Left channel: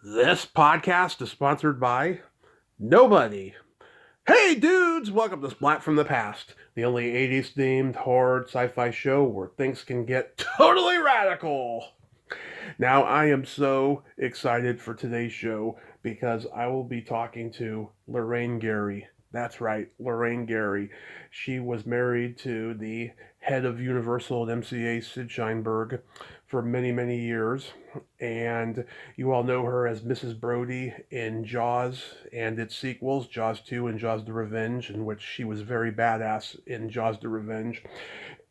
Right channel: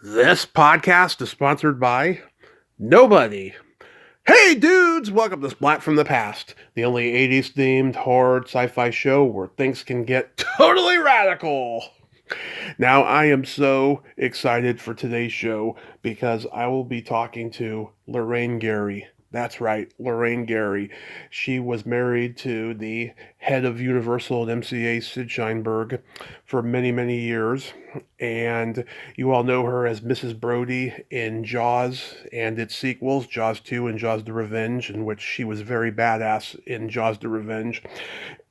This podcast is sponsored by nobody. Hey dudes, welcome to Splat from the Past, the only 80s themed horror sci-fi show where things can get totally radical. Now, I am so excited for today's show because I will be talking to Lorraine Gary. That's right, Lorraine Gary. She was married to the head of Universal and MCA, Sid Sheinberg, for many, many years. And you all know her as Mrs. Brody in Jaws and its sequels, Jaws 2 and Jaws the Revenge, in which she was very badass in Jaws the Revenge.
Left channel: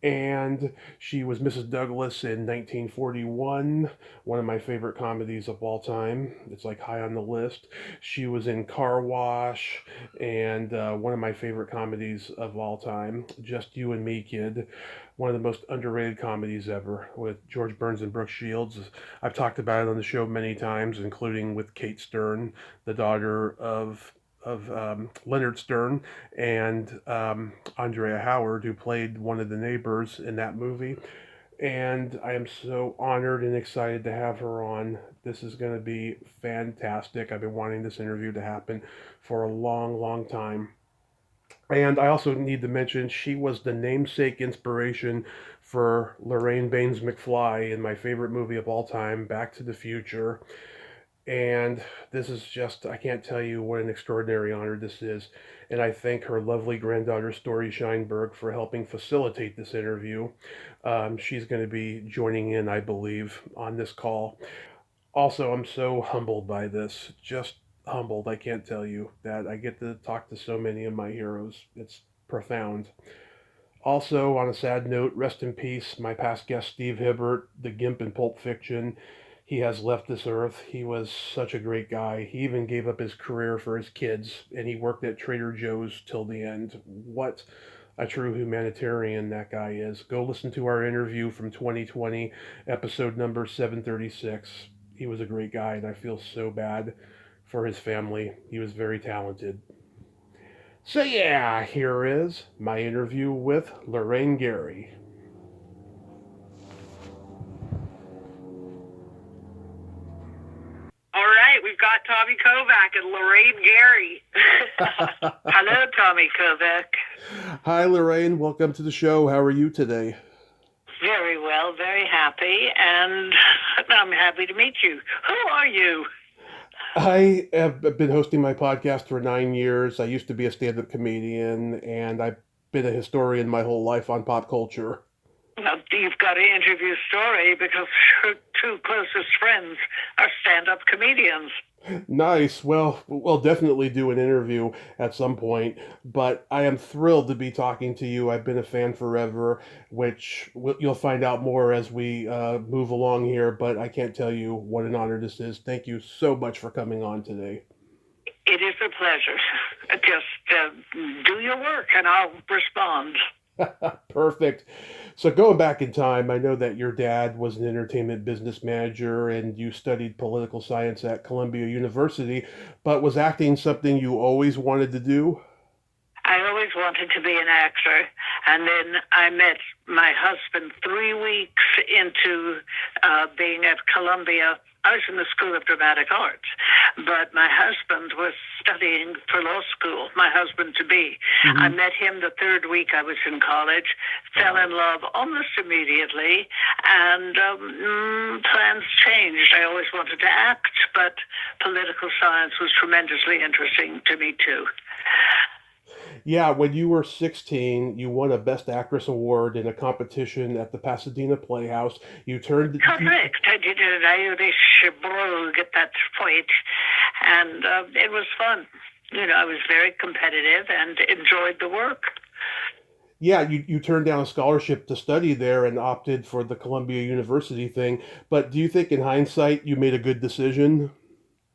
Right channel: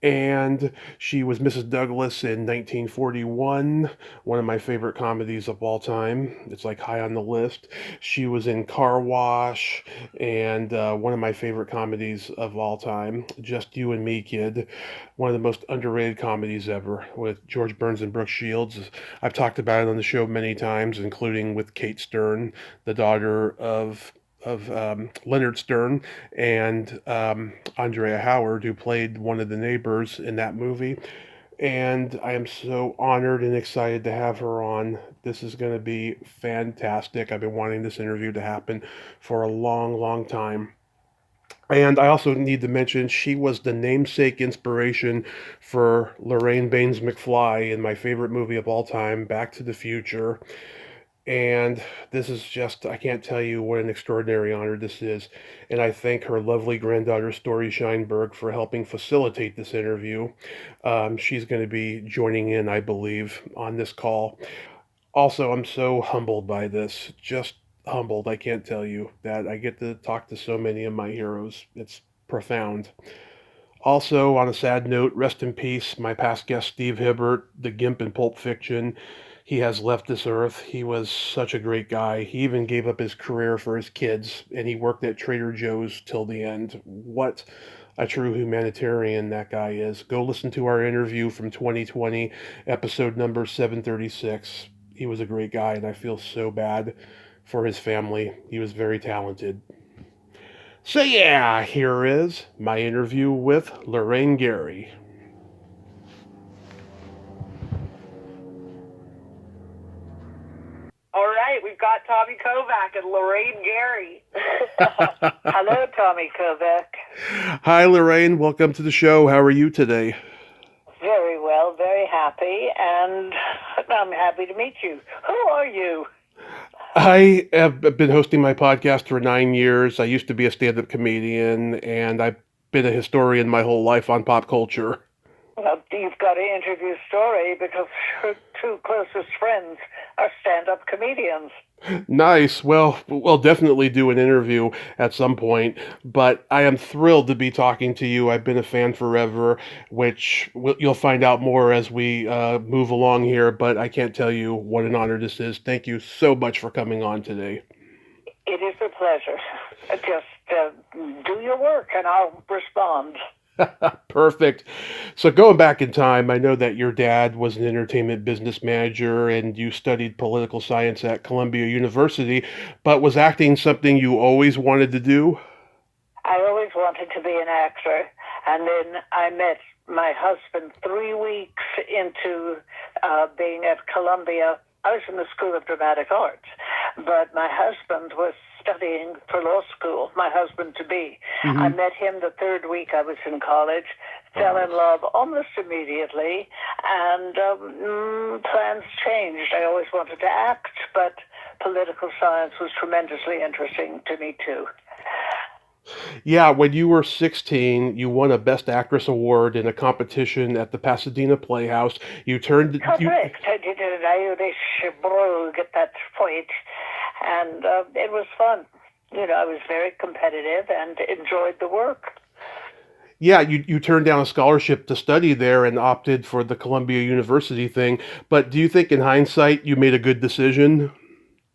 And she was Mrs. Douglas in 1941, one of my favorite comedies of all time. It's like high on the list. She was in Car Wash and one of my favorite comedies of all time, Just You and Me, Kid. One of the most underrated comedies ever with George Burns and Brooke Shields. I've talked about it on the show many times, including with Kate Stern, the daughter of Leonard Stern and Andrea Howard, who played one of the neighbors in that movie. And I am so honored and excited to have her on. This is going to be fantastic. I've been wanting this interview to happen for a long, long time. And I also need to mention she was the namesake inspiration for Lorraine Baines McFly in my favorite movie of all time, Back to the Future. And this is just, I can't tell you what an extraordinary honor this is. And I thank her lovely granddaughter, Story Scheinberg, for helping facilitate this interview. She's going to be joining in, I believe, on this call. Also, I'm so humbled by this. Just humbled. I can't tell you that I get to talk to so many of my heroes. It's profound. Also, on a sad note, rest in peace, my past guest, Steve Hibbert, the Gimp in Pulp Fiction. He has left this earth. He was such a great guy. He even gave up his career for his kids, and he worked at Trader Joe's till the end. What a true humanitarian that guy is. Go listen to our interview from 2020, episode number 736. He was a great guy, and I feel so bad for his family. He was very talented. So, yeah, here is my interview with Lorraine Gary. All right, we've got Tommy Kovac and Lorraine Gary. Hello, Tommy Kovac. Hi, Lorraine. Welcome to the show. How are you today? Very well, very happy, and I'm happy to meet you. Who are you? I have been hosting my podcast for 9 years. I used to be a stand up comedian, and I've been a historian my whole life on pop culture. Well, you've got to interview Story because her two closest friends are stand-up comedians. Nice. Well, we'll definitely do an interview at some point, but I am thrilled to be talking to you. I've been a fan forever, which you'll find out more as we move along here, but I can't tell you what an honor this is. Thank you so much for coming on today. It is a pleasure. Just do your work and I'll respond. Perfect. So going back in time, I know that your dad was an entertainment business manager and you studied political science at Columbia University, but was acting something you always wanted to do? I always wanted to be an actor, and then I met my husband 3 weeks into being at Columbia. I was in the School of Dramatic Arts, but my husband was studying for law school, my husband to be. I Hmm. met him the third week I was in college, fell in love almost immediately, and plans changed. I always wanted to act, but political science was tremendously interesting to me too. Yeah, when you were 16, you won a Best Actress award in a competition at the Pasadena Playhouse. You turned you Correct. I did an Irish brogue at that point, and it was fun. I was very competitive and enjoyed the work. Yeah, you turned down a scholarship to study there and opted for the Columbia University thing. But do you think in hindsight you made a good decision?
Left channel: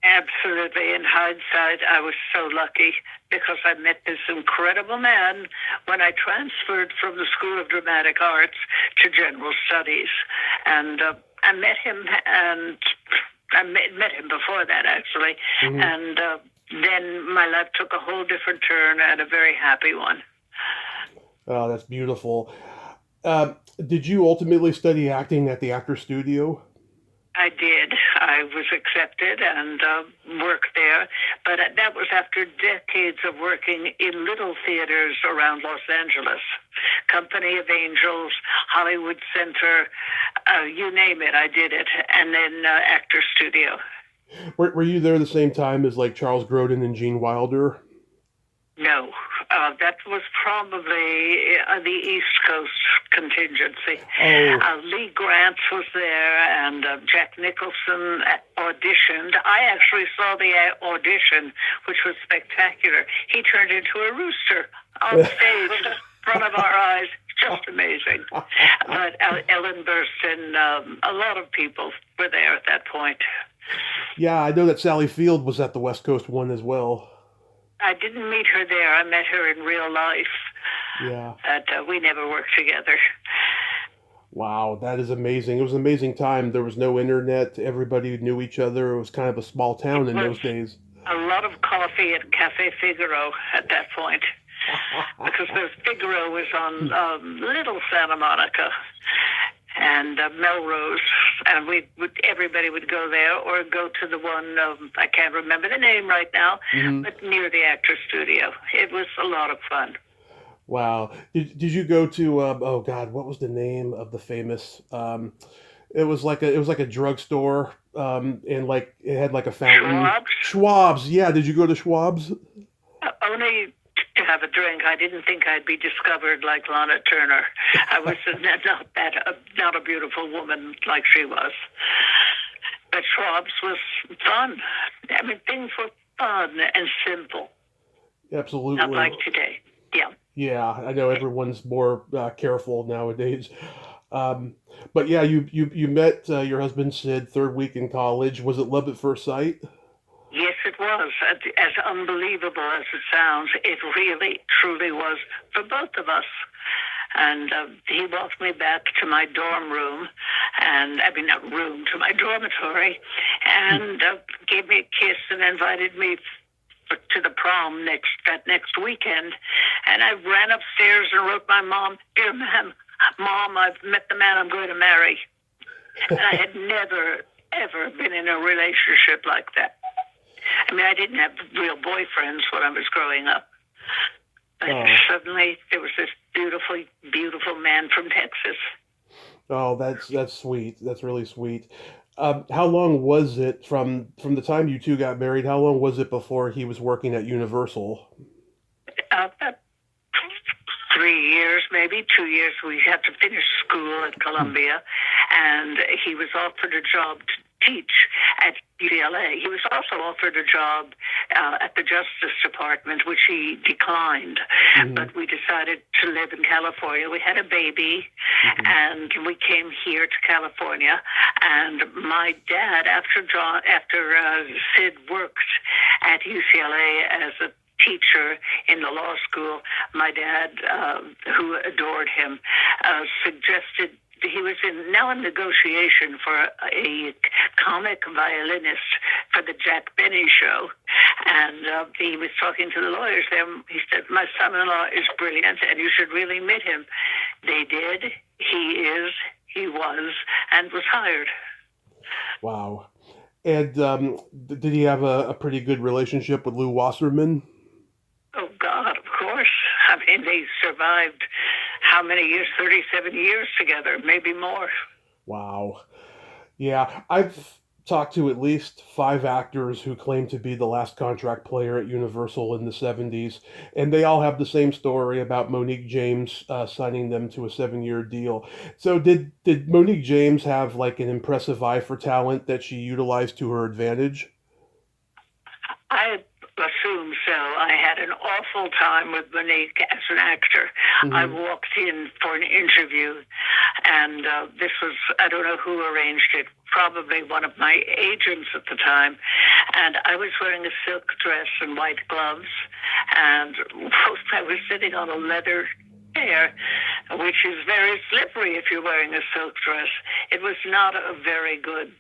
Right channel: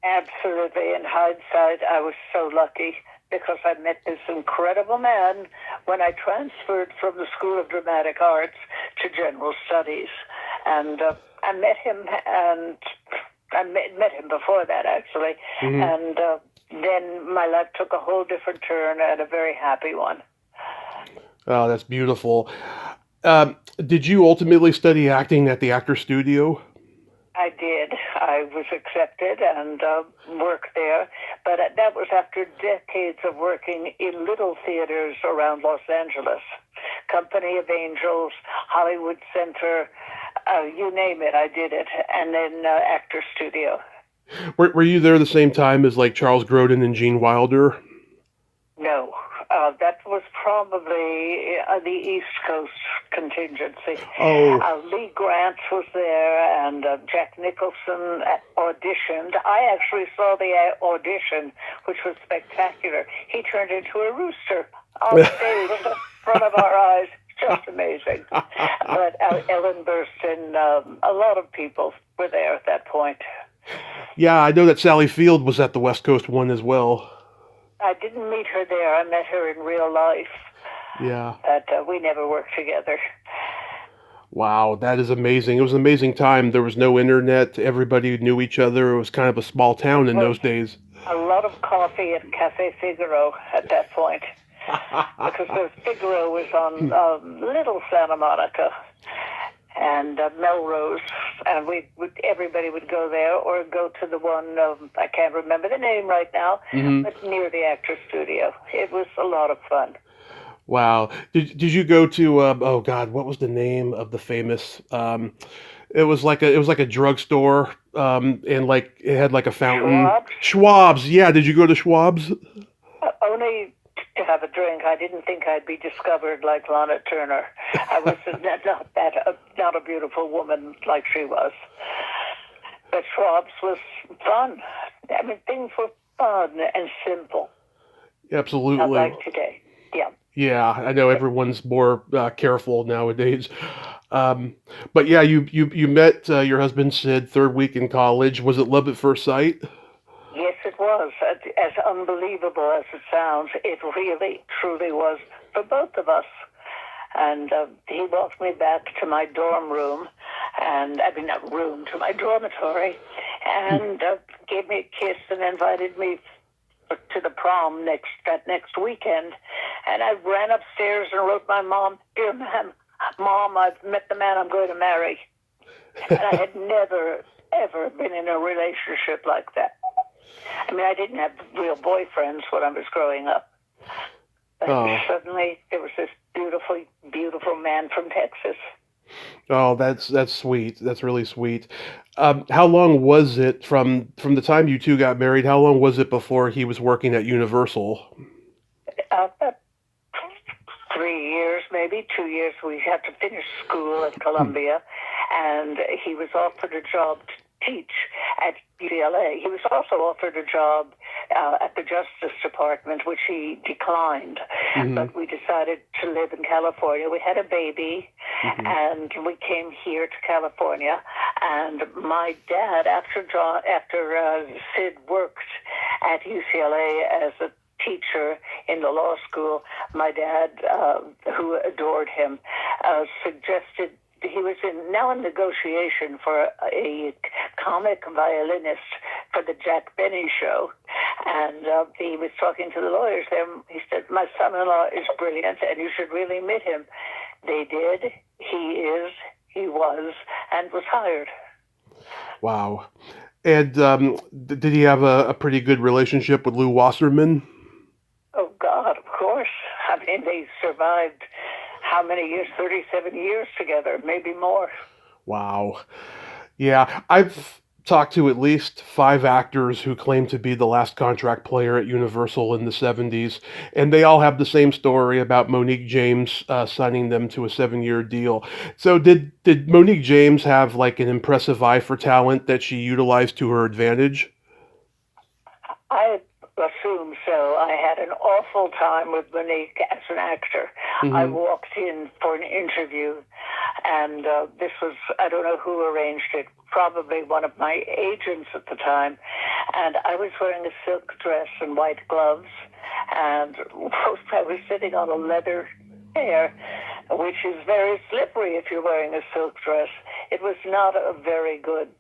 Absolutely. In hindsight, I was so lucky because I met this incredible man when I transferred from the School of Dramatic Arts to General Studies. And I met him, and I met him before that, actually. Hmm. And then my life took a whole different turn and a very happy one. Oh, that's beautiful. Did you ultimately study acting at the Actor Studio? I did. I was accepted accepted and worked there. But that was after decades of working in little theaters around Los Angeles. Company of Angels, Hollywood Center, you name it, I did it. And then Actor Studio. Were you there the same time as like Charles Grodin and Gene Wilder? No, that was probably the East Coast contingency. Oh, Lee Grant was there, and Jack Nicholson auditioned. I actually saw the audition, which was spectacular. He turned into a rooster on stage in front of our eyes. Just amazing. But Ellen Burstyn, a lot of people were there at that point. yeah, I know that Sally Field was at the West Coast one as well. I didn't meet her there. I met her in real life. Yeah. But we never worked together. Wow, that is amazing. It was an amazing time. There was no internet. Everybody knew each other. It was kind of a small town in those days. A lot of coffee at Cafe Figaro at that point. Because the Figaro was on Little Santa Monica and Melrose, and everybody would go there or go to the one, I can't remember the name right now, but near the Actor Studio. It was a lot of fun. Wow. Did you go to oh God, what was the name of the famous it was like a drugstore and like it had like a fountain. Schwab's? Schwab's. Yeah, did you go to Schwab's? Only to have a drink. I didn't think I'd be discovered like Lana Turner. I was not a beautiful woman like she was. But Schwab's was fun. I mean, things were fun and simple. Absolutely. Not like today. Yeah. Yeah, I know everyone's more careful nowadays. But yeah, you met your husband Sid third week in college. Was it love at first sight? Yes, it was. As unbelievable as it sounds, it really, truly was for both of us. And he walked me back to my dorm room, not room, to my dormitory, and gave me a kiss and invited me to the prom that next weekend. And I ran upstairs and wrote my mom, "Dear Mom, I've met the man I'm going to marry." And I had never, ever been in a relationship like that. I mean, I didn't have real boyfriends when I was growing up. But suddenly there was this beautiful, beautiful man from Texas. Oh, that's sweet. That's really sweet. How long was it from the time you two got married? How long was it before he was working at Universal? About 3 years, maybe 2 years. We had to finish school at Columbia, and he was offered a job to teach at UCLA. He was also offered a job at the Justice Department, which he declined. But we decided to live in California. We had a baby, and we came here to California. And my dad, after Sid worked at UCLA as a teacher in the law school, my dad, who adored him, suggested he was now in negotiation for a comic violinist for the Jack Benny show. And he was talking to the lawyers there. He said, "My son-in-law is brilliant, and you should really meet him." They did. He was, and was hired. Wow. And did he have a pretty good relationship with Lou Wasserman? Oh, God, of course. I mean, they survived how many years? 37 years together, maybe more. Wow. Yeah, I've talked to at least 5 actors who claim to be the last contract player at Universal in the 70s, and they all have the same story about Monique James signing them to a 7-year deal. So did Monique James have like an impressive eye for talent that she utilized to her advantage? I assume so. I had an awful time with Monique as an actor. I walked in for an interview, and this was, I don't know who arranged it, probably one of my agents at the time. And I was wearing a silk dress and white gloves, and I was sitting on a leather chair, which is very slippery if you're wearing a silk dress. It was not a very good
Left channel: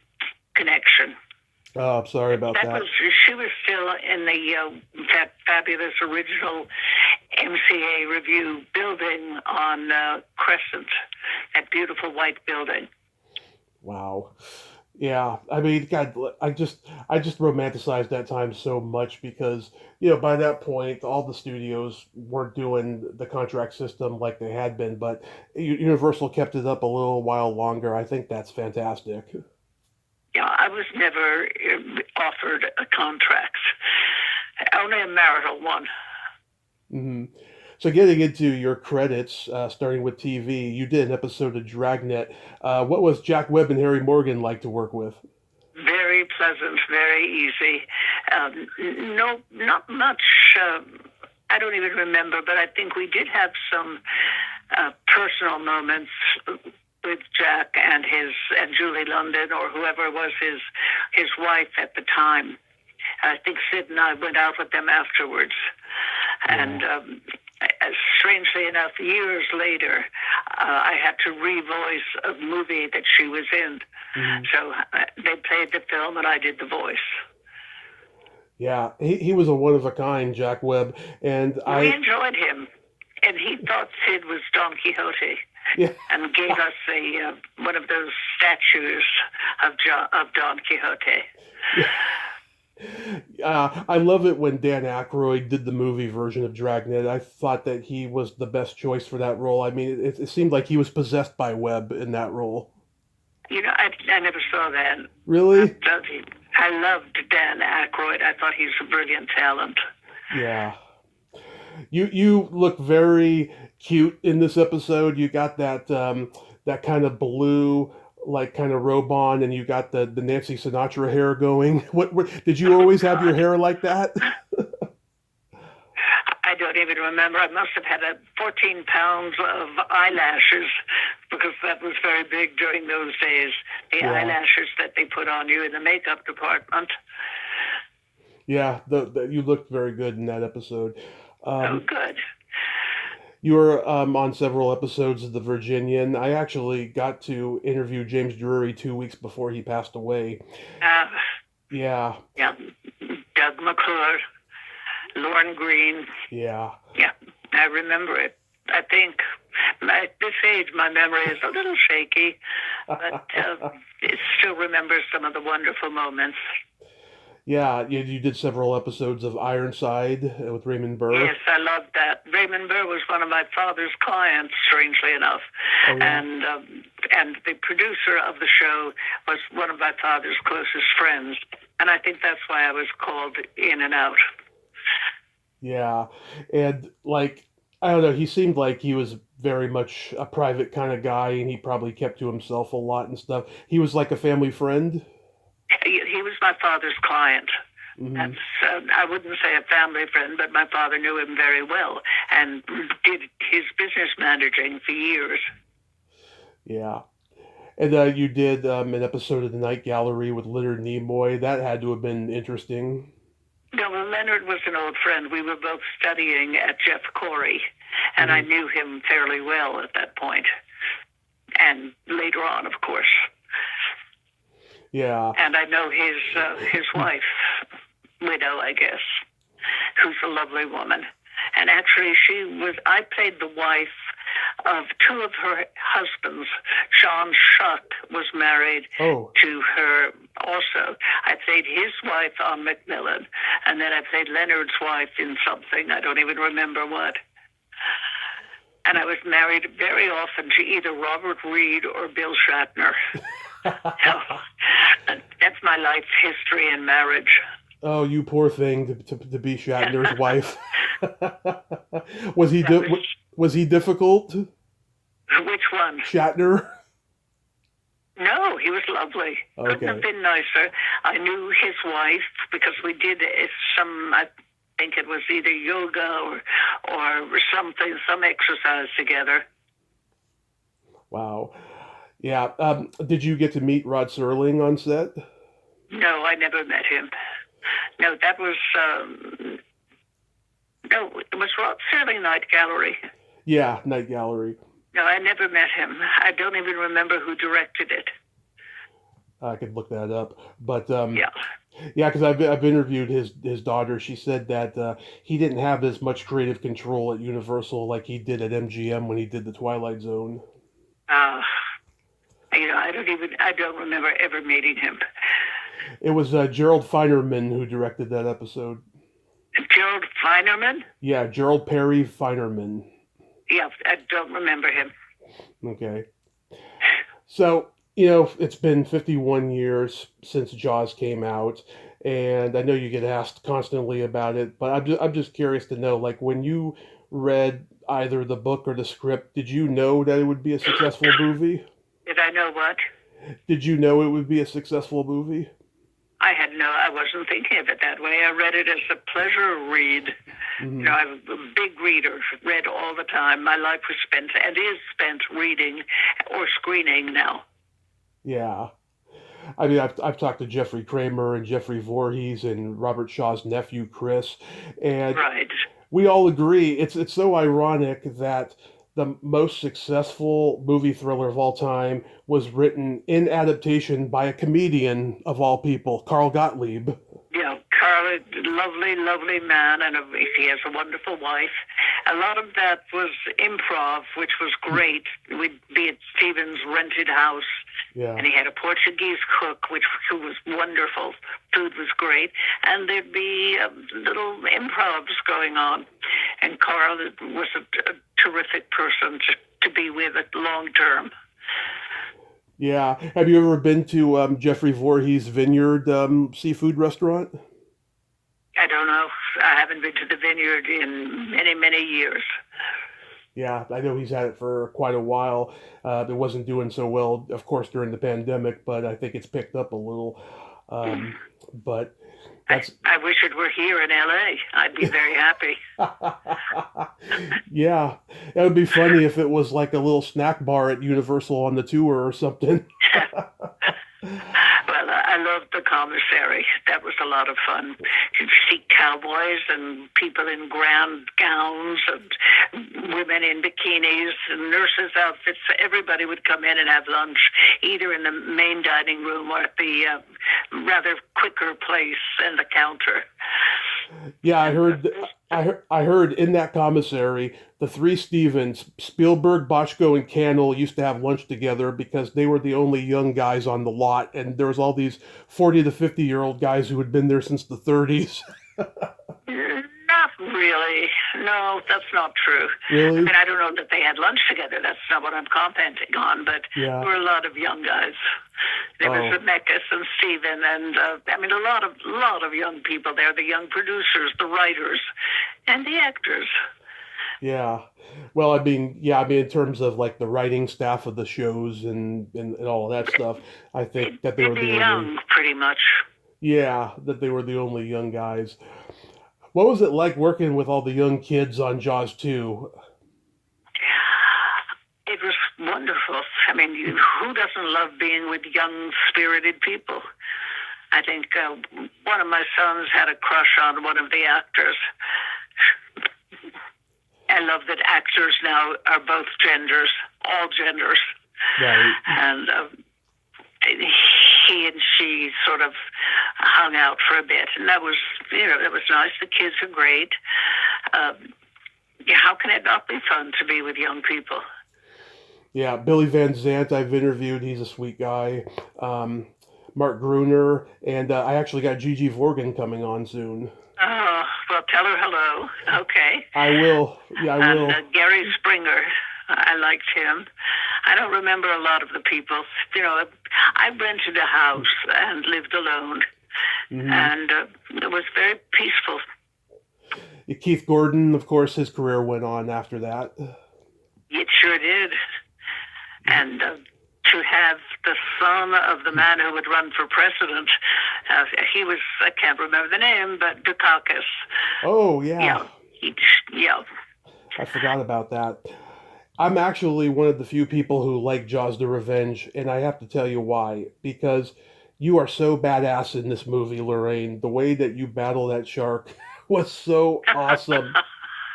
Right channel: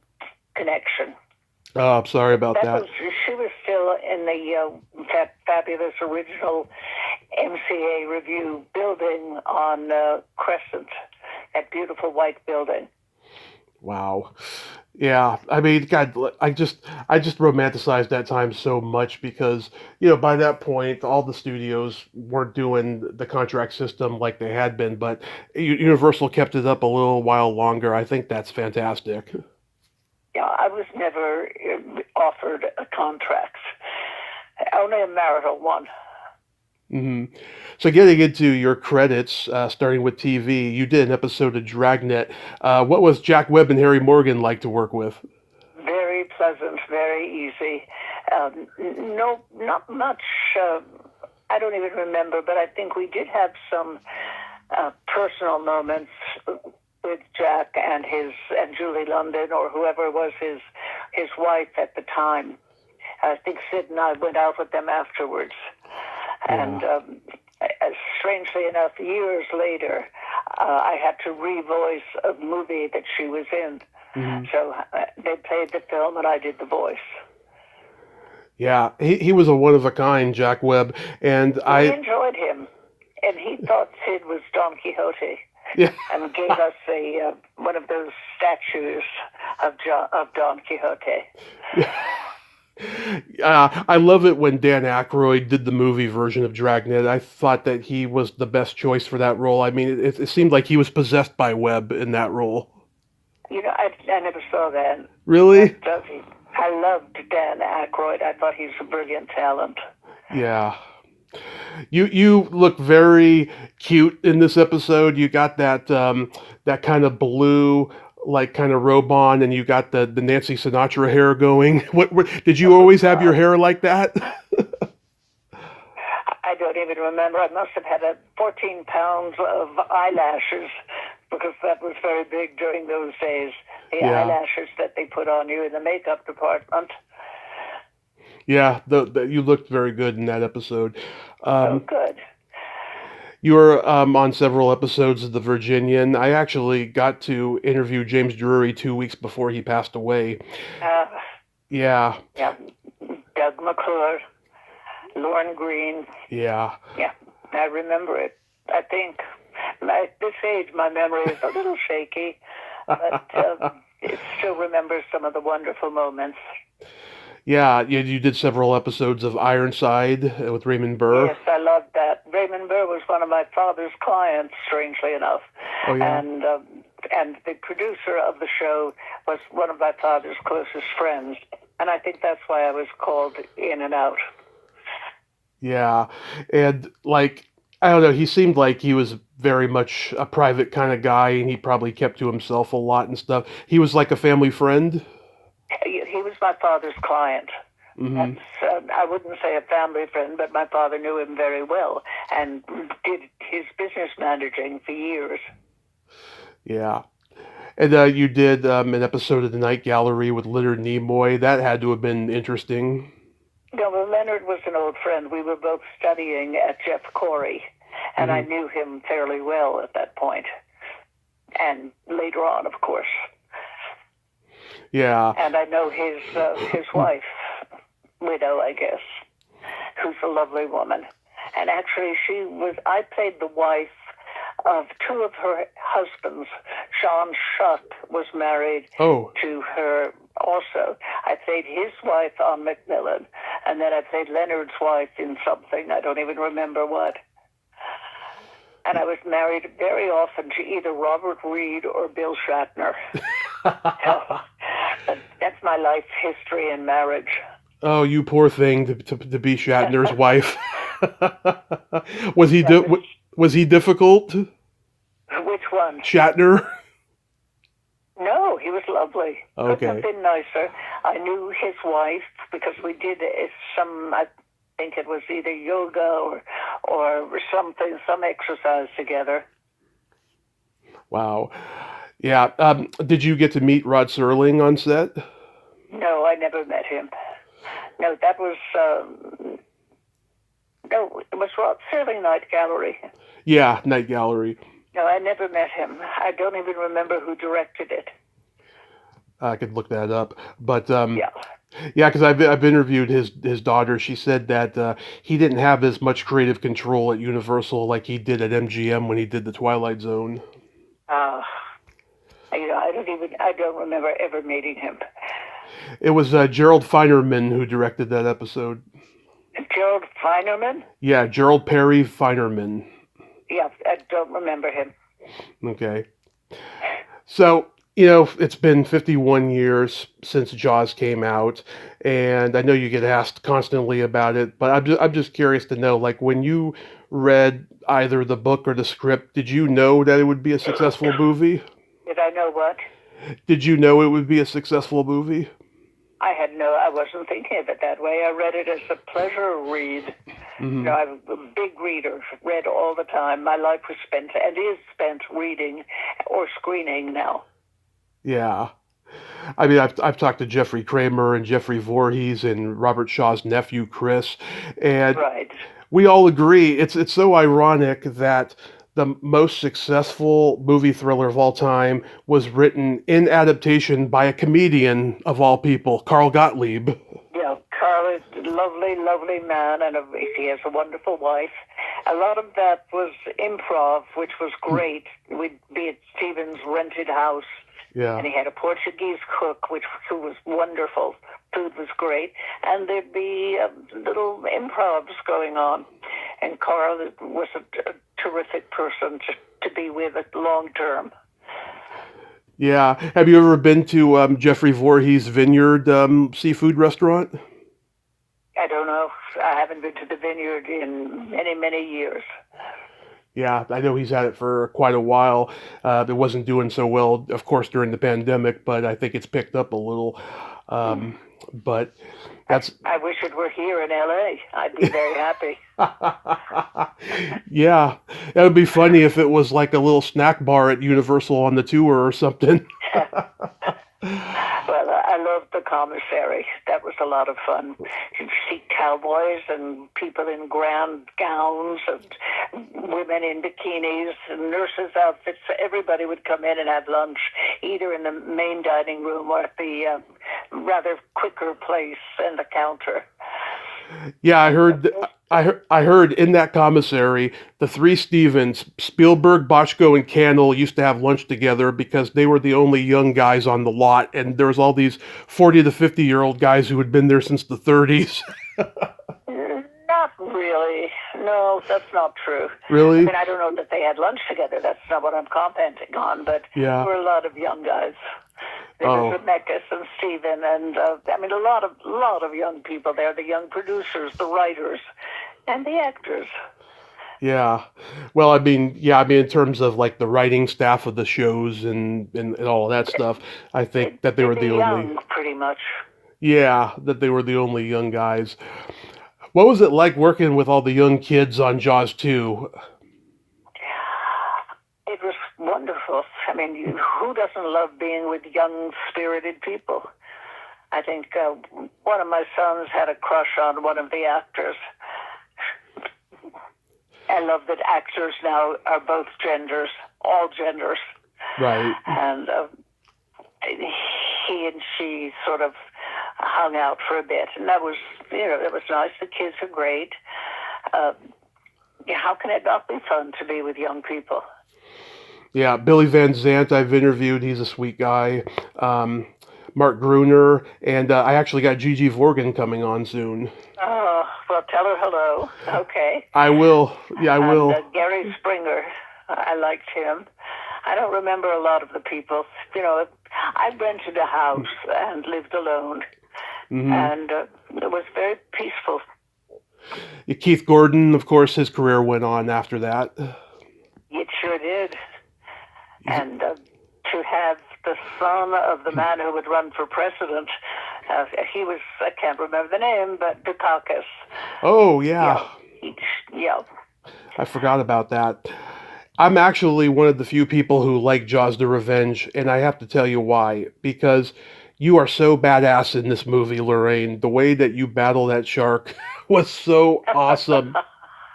connection. Oh, I'm sorry about that. She was still in the fabulous original MCA Review building on Crescent, that beautiful white building. Wow. Yeah, I mean, God, I just romanticized that time so much because by that point all the studios weren't doing the contract system like they had been, but Universal kept it up a little while longer. I think that's fantastic. I was never offered a contract, only a marital one. hmm So getting into your credits, starting with TV, you did an episode of Dragnet. What was Jack Webb and Harry Morgan like to work with? Very pleasant, very easy. Um, no, not much. I don't even remember, but I think we did have some personal moments with Jack and Julie London or whoever was his wife at the time. I think Sid and I went out with them afterwards, and Yeah. strangely enough, years later, I had to revoice a movie that she was in. hmm So they played the film, and I did the voice. Yeah, he was a one of a kind, Jack Webb, and We I enjoyed him, and he thought Sid was Don Quixote, yeah. and gave us a one of those statues of Don Quixote. Yeah. I love it when Dan Aykroyd did the movie version of Dragnet. I thought that he was the best choice for that role. I mean, it seemed like he was possessed by Webb in that role. I never saw that. Really? But I loved Dan Aykroyd. I thought he's a brilliant talent. Yeah. You look very cute in this episode. You got that kind of blue like kind of robe on, and you got the Nancy Sinatra hair going. What did you Oh, always have your God. hair like that? I don't even remember. I must have had 14 pounds of eyelashes because that was very big during those days. The Yeah. eyelashes that they put on you in the makeup department. Yeah, you looked very good in that episode. Oh, Um, good. you were on several episodes of The Virginian. I actually got to interview James Drury 2 weeks before he passed away. Uh, Yeah, yeah, Doug McClure, Lorne Green. yeah. Yeah, I remember it. I think at this age, my memory is a little shaky, but it still remembers some of the wonderful moments. Yeah, you did several episodes of Ironside with Raymond Burr. Yes, I loved that. Raymond Burr was one of my father's clients, strangely enough, Oh yeah. and the producer of the show was one of my father's closest friends, and I think that's why I was called in and out. Yeah. And like I don't know, he seemed like he was very much a private kind of guy and he probably kept to himself a lot and stuff. He was like a family friend. He was my father's client. hmm That's, I wouldn't say a family friend, but my father knew him very well and did his business managing for years. Yeah. And you did an episode of the Night Gallery with Leonard Nimoy. That had to have been interesting. No, well, Leonard was an old friend. We were both studying at Jeff Corey, and I hmm knew him fairly well at that point, and later on, of course. Yeah. And I know his wife, widow, I guess, who's a lovely woman. And actually, I played the wife of two of her husbands. Sean Shuck was married Oh, to her also. I played his wife on Macmillan, and then I played Leonard's wife in something. I don't even remember what. And I was married very often to either Robert Reed or Bill Shatner. So that's my life history in marriage. oh, you poor thing to be Shatner's wife. Was he That was was he difficult? which one? Shatner? No, he was lovely. Couldn't have Okay. been nicer. I knew his wife because we did I think it was either yoga or something, some exercise together. Wow. Yeah. Did you get to meet Rod Serling on set? No, I never met him. No, that was no, it was Rob Serling Night Gallery. Yeah, Night Gallery. No, I never met him. I don't even remember who directed it. I could look that up. But Yeah. yeah, because I've interviewed his daughter. She said that he didn't have as much creative control at Universal like he did at MGM when he did the Twilight Zone. I I don't remember ever meeting him. It was Gerald Feinerman who directed that episode. Gerald Feinerman? Yeah, Gerald Perry Feinerman. Yeah, I don't remember him. Okay. So, you know, it's been 51 years since Jaws came out, and I know you get asked constantly about it, but I'm just curious to know, like, when you read either the book or the script, did you know that it would be a successful movie? Did I know what? Did you know it would be a successful movie? I wasn't thinking of it that way. I read it as a pleasure read. Hmm. I'm a big reader, read all the time. My life was spent, and is spent, reading or screening now. Yeah. I mean, I've talked to Jeffrey Kramer and Jeffrey Voorhees and Robert Shaw's nephew Chris, and Right. we all agree it's so ironic that the most successful movie thriller of all time was written in adaptation by a comedian of all people, Carl Gottlieb. Yeah, Carl is a lovely, lovely man, and he has a wonderful wife. A lot of that was improv, which was great. We'd be at Stephen's rented house, Yeah. and he had a Portuguese cook, who was wonderful. Food was great, and there'd be little improvs going on. And Carl was a terrific person to be with long term. Yeah. Have you ever been to Jeffrey Voorhees' Vineyard seafood restaurant? I don't know. I haven't been to the vineyard in many, many years. Yeah, I know he's had it for quite a while. It wasn't doing so well, of course, during the pandemic, but I think it's picked up a little. But that's I wish it were here in LA. I'd be very happy. yeah, it would be funny if it was like a little snack bar at Universal on the tour or something. Well, I loved the commissary. That was a lot of fun. You'd see cowboys and people in grand gowns and women in bikinis and nurses' outfits. Everybody would come in and have lunch, either in the main dining room or at the rather quicker place and the counter. Yeah, I heard in that commissary, the three Stevens, Spielberg, Bochco, and Cannell used to have lunch together because they were the only young guys on the lot, and there was all these 40 to 50-year-old guys who had been there since the 30s. Not really. No, that's not true. Really? I mean, I don't know that they had lunch together. That's not what I'm commenting on, but Yeah. there were a lot of young guys. There was Zemeckis and Steven, and I mean, a lot of young people there, the young producers, the writers, and the actors. Yeah. Well, I mean, in terms of like the writing staff of the shows and all that stuff, I think that they were the young, only, pretty much. yeah, that they were the only young guys. What was it like working with all the young kids on Jaws 2? It was wonderful. I mean, who doesn't love being with young, spirited people? I think one of my sons had a crush on one of the actors. I love that actors now are both genders, all genders. Right. And he and she sort of hung out for a bit, and that was, it was nice. The kids are great. How can it not be fun to be with young people? Yeah, Billy Van Zant I've interviewed. He's a sweet guy. Mark Gruner, and I actually got Gigi Vorgan coming on soon. Oh, well, tell her hello. Okay. I will. Yeah, I will. And Gary Springer, I liked him. I don't remember a lot of the people. I rented a house and lived alone, and it was very peaceful. Keith Gordon, of course, his career went on after that. It sure did. And to have the son of the man who would run for president, he was, I can't remember the name, but Dukakis. Oh, yeah. Yeah. I forgot about that. I'm actually one of the few people who like Jaws the Revenge, and I have to tell you why. Because you are so badass in this movie, Lorraine. The way that you battle that shark was so awesome.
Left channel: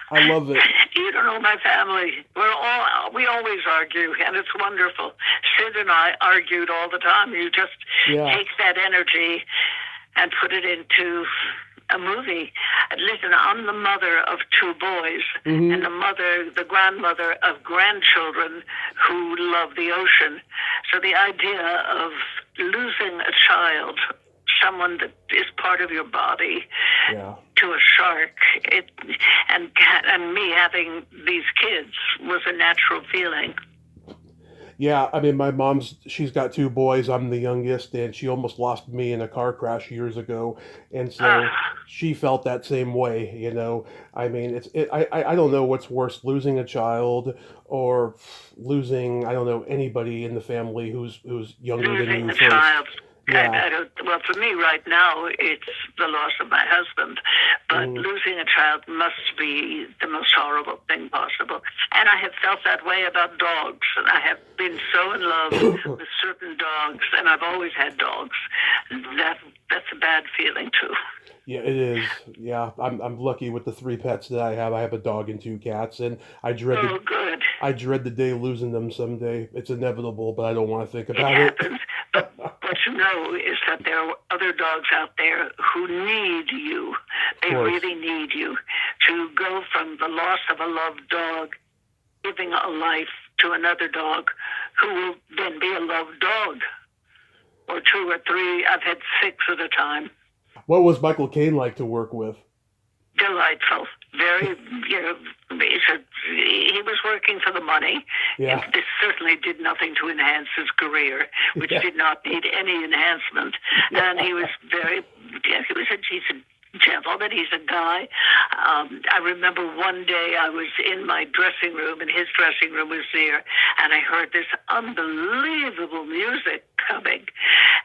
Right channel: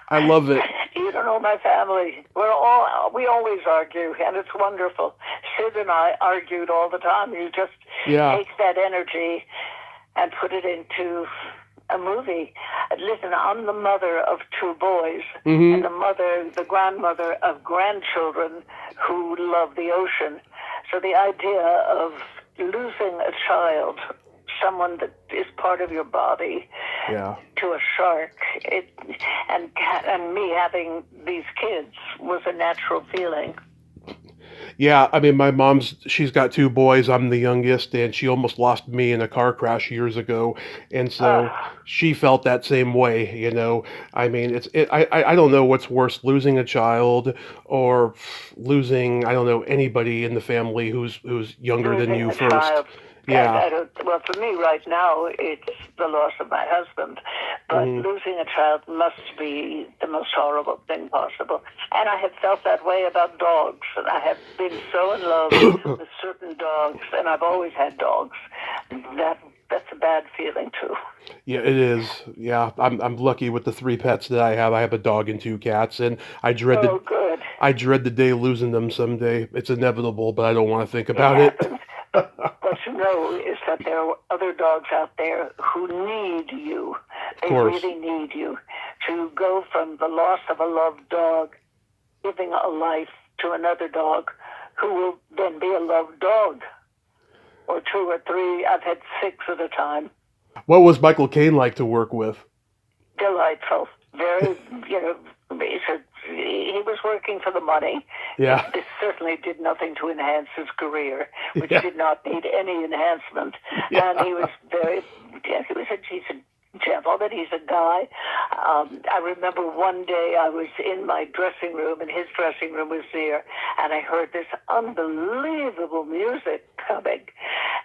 I love it. You don't know my family. We always argue, and it's wonderful. Sid and I argued all the time. You just take that energy and put it into a movie. Listen, I'm the mother of two boys, and the grandmother of grandchildren who love the ocean. So the idea of losing a child, someone that is part of your body, Yeah. to a shark, and me having these kids was a natural feeling. Yeah, I mean, she's got two boys. I'm the youngest, and she almost lost me in a car crash years ago. And so she felt that same way, you know. I mean, I don't know what's worse, losing a child or losing, I don't know, anybody in the family who's younger than Losing you a first. child. Yeah. I don't, well, for me right now, it's the loss of my husband. But Mhm. losing a child must be the most horrible thing possible. And I have felt that way about dogs. And I have been so in love with certain dogs, and I've always had dogs. That's a bad feeling too. Yeah, it is. Yeah, I'm lucky with the three pets that I have. I have a dog and two cats, and Oh, good. I dread the day losing them someday. It's inevitable, but I don't want to think It about it. happens. But what you know is that there are other dogs out there who need you. Of They course. really need you to go from the loss of a loved dog, giving a life to another dog who will then be a loved dog, or two or three. I've had six at a time. What was Michael Caine like to work with? Delightful. Very, you know, he was working for the money. Yeah. It certainly did nothing to enhance his career, which Yeah. did not need any enhancement. Yeah. And he was he's a gentleman, he's a guy. I remember one day I was in my dressing room, and his dressing room was there, and I heard this unbelievable music coming.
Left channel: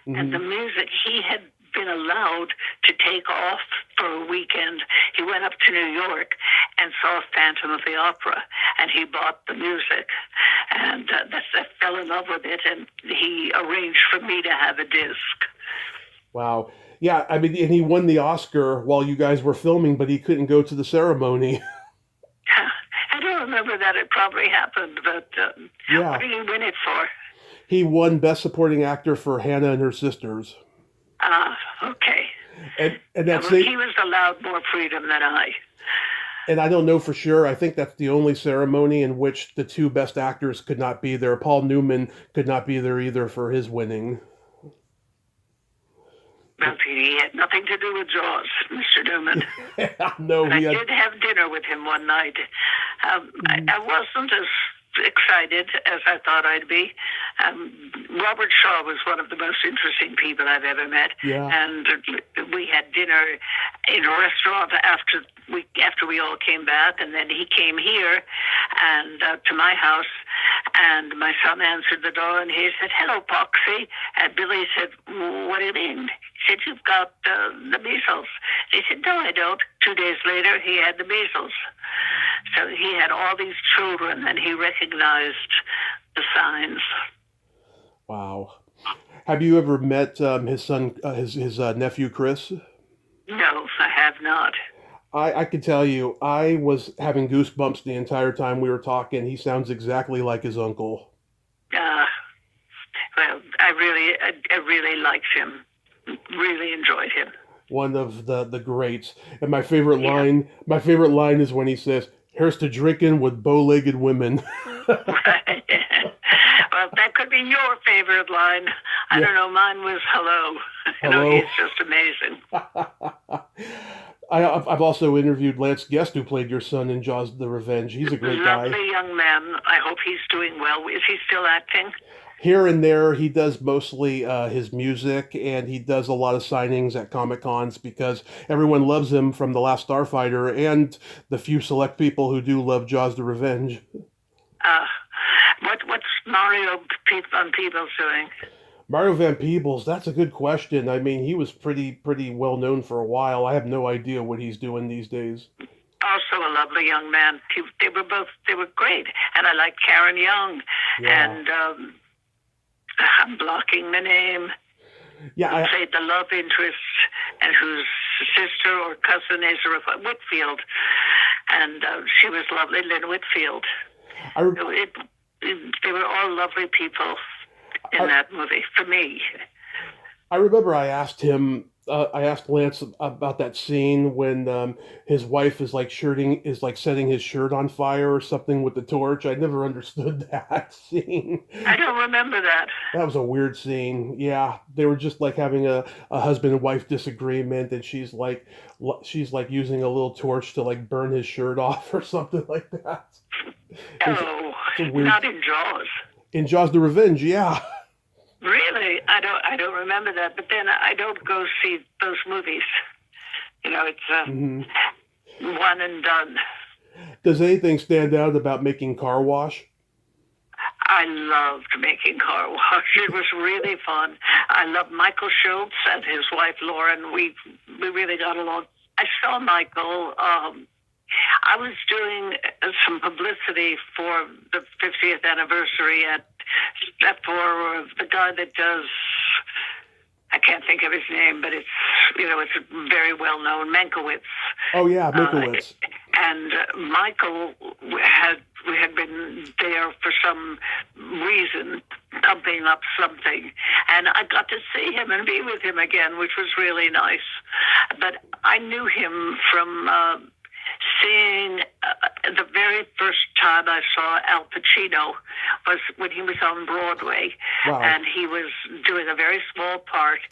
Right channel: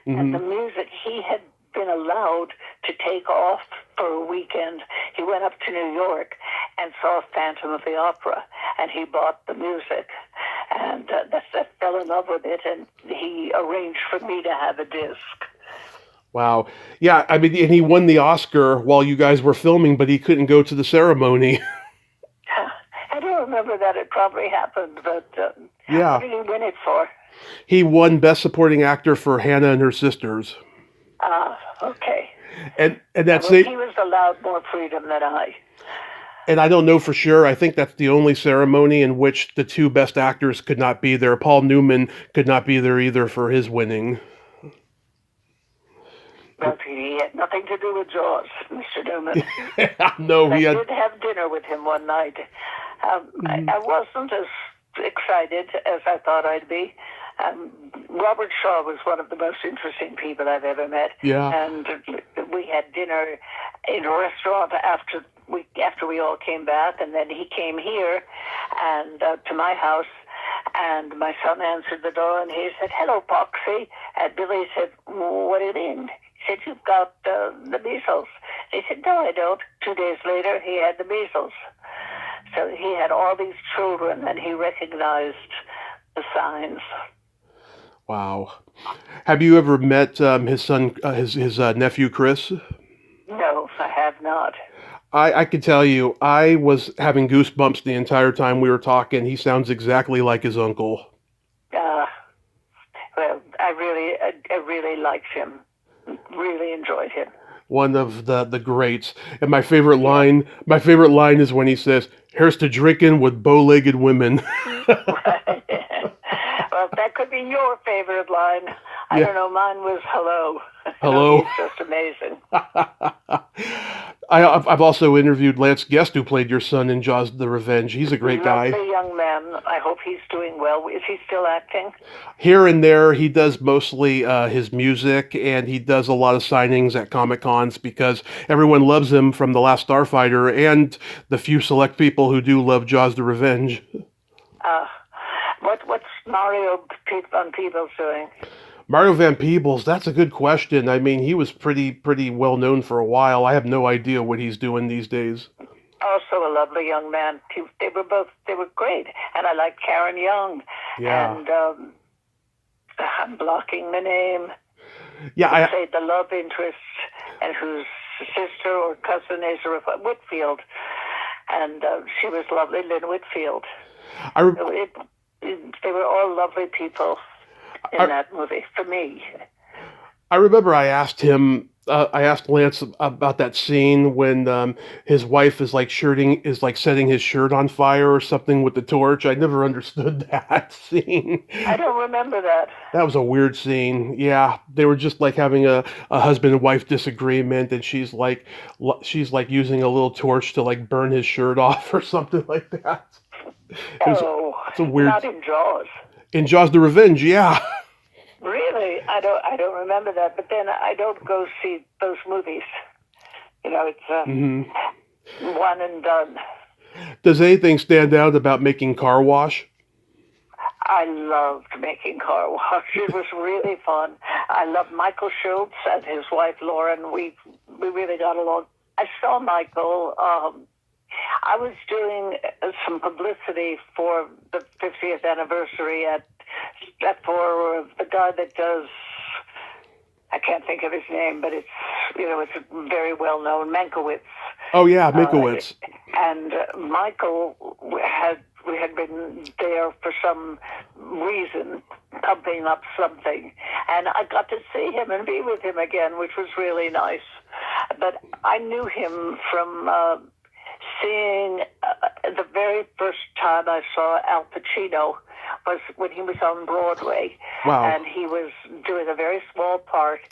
And the Hmm. music, he had been allowed to take off for a weekend. He went up to New York and saw Phantom of the Opera, and he bought the music, and I fell in love with it, and he arranged for me to have a disc. Wow. Yeah, I mean, and he won the Oscar while you guys were filming, but he couldn't go to the ceremony. I don't remember that. It probably happened, but what Yeah. did he win it for? He won Best Supporting Actor for Hannah and Her Sisters. Okay. And that's Well, it. he was allowed more freedom than I. And I don't know for sure. I think that's the only ceremony in which the two best actors could not be there. Paul Newman could not be there either for his winning. Well, he had nothing to do with Jaws, Mr. Newman. No, But I he had. did have dinner with him one night. Mhm. I wasn't as excited as I thought I'd be. Robert Shaw was one of the most interesting people I've ever met, Yeah. and we had dinner in a restaurant after we all came back, and then he came here and to my house, and my son answered the door, and he said, "Hello, Poxy," and Billy said, "What do you mean?" He said, "You've got the measles." He said, "No, I don't." 2 days later, he had the measles. So he had all these children, and he recognized the signs. Wow. Have you ever met his son, his nephew Chris? No, I have not. I can tell you, I was having goosebumps the entire time we were talking. He sounds exactly like his uncle. Uh, well, I really liked him. Really enjoyed him. One of the greats. And my favorite line is when he says, "Here's to drinking with bow-legged women." Right. Well, that could be your favorite line. I Yeah. don't know. Mine was hello. Hello. He's just amazing. I've also interviewed Lance Guest, who played your son in Jaws: The Revenge. He's a great guy. Lovely young man. I hope he's doing well. Is he still acting? Here and there, he does mostly his music, and he does a lot of signings at Comic Cons because everyone loves him from The Last Starfighter, and the few select people who do love Jaws: The Revenge. Uh, what's Mario Van Peebles doing? Mario Van Peebles, that's a good question. I mean, he was pretty well known for a while. I have no idea what he's doing these days. Also a lovely young man. They were great, and I like Karen Young. Yeah. And I'm blocking the name. Yeah, Who played the love interest, and whose sister or cousin is Whitfield, and she was lovely, Lynn Whitfield. They were all lovely people in that movie for me. I remember I asked Lance about that scene when his wife is like setting his shirt on fire or something with the torch. I never understood that scene. I don't remember that. That was a weird scene. Yeah, they were just like having a husband and wife disagreement, and she's like using a little torch to like burn his shirt off or something like that. It was Oh, it's a weird not in Jaws. in Jaws the Revenge. Yeah. Really, I don't remember that. But then I don't go see those movies. It's hmm one and done. Does anything stand out about making Car Wash? I loved making car wash. It was really fun. I loved Michael Schultz and his wife Lauren. We really got along. I saw Michael. I was doing some publicity for the 50th anniversary for the guy that does. I can't think of his name, but it's very well known, Mankiewicz. Oh yeah, Uh, Mikowitz. and Michael we had been there for some reason, pumping up something, and I got to see him and be with him again, which was really nice. But I knew him from seeing the very first time I saw Al Pacino was when he was on Broadway, Wow. and he was doing a very small part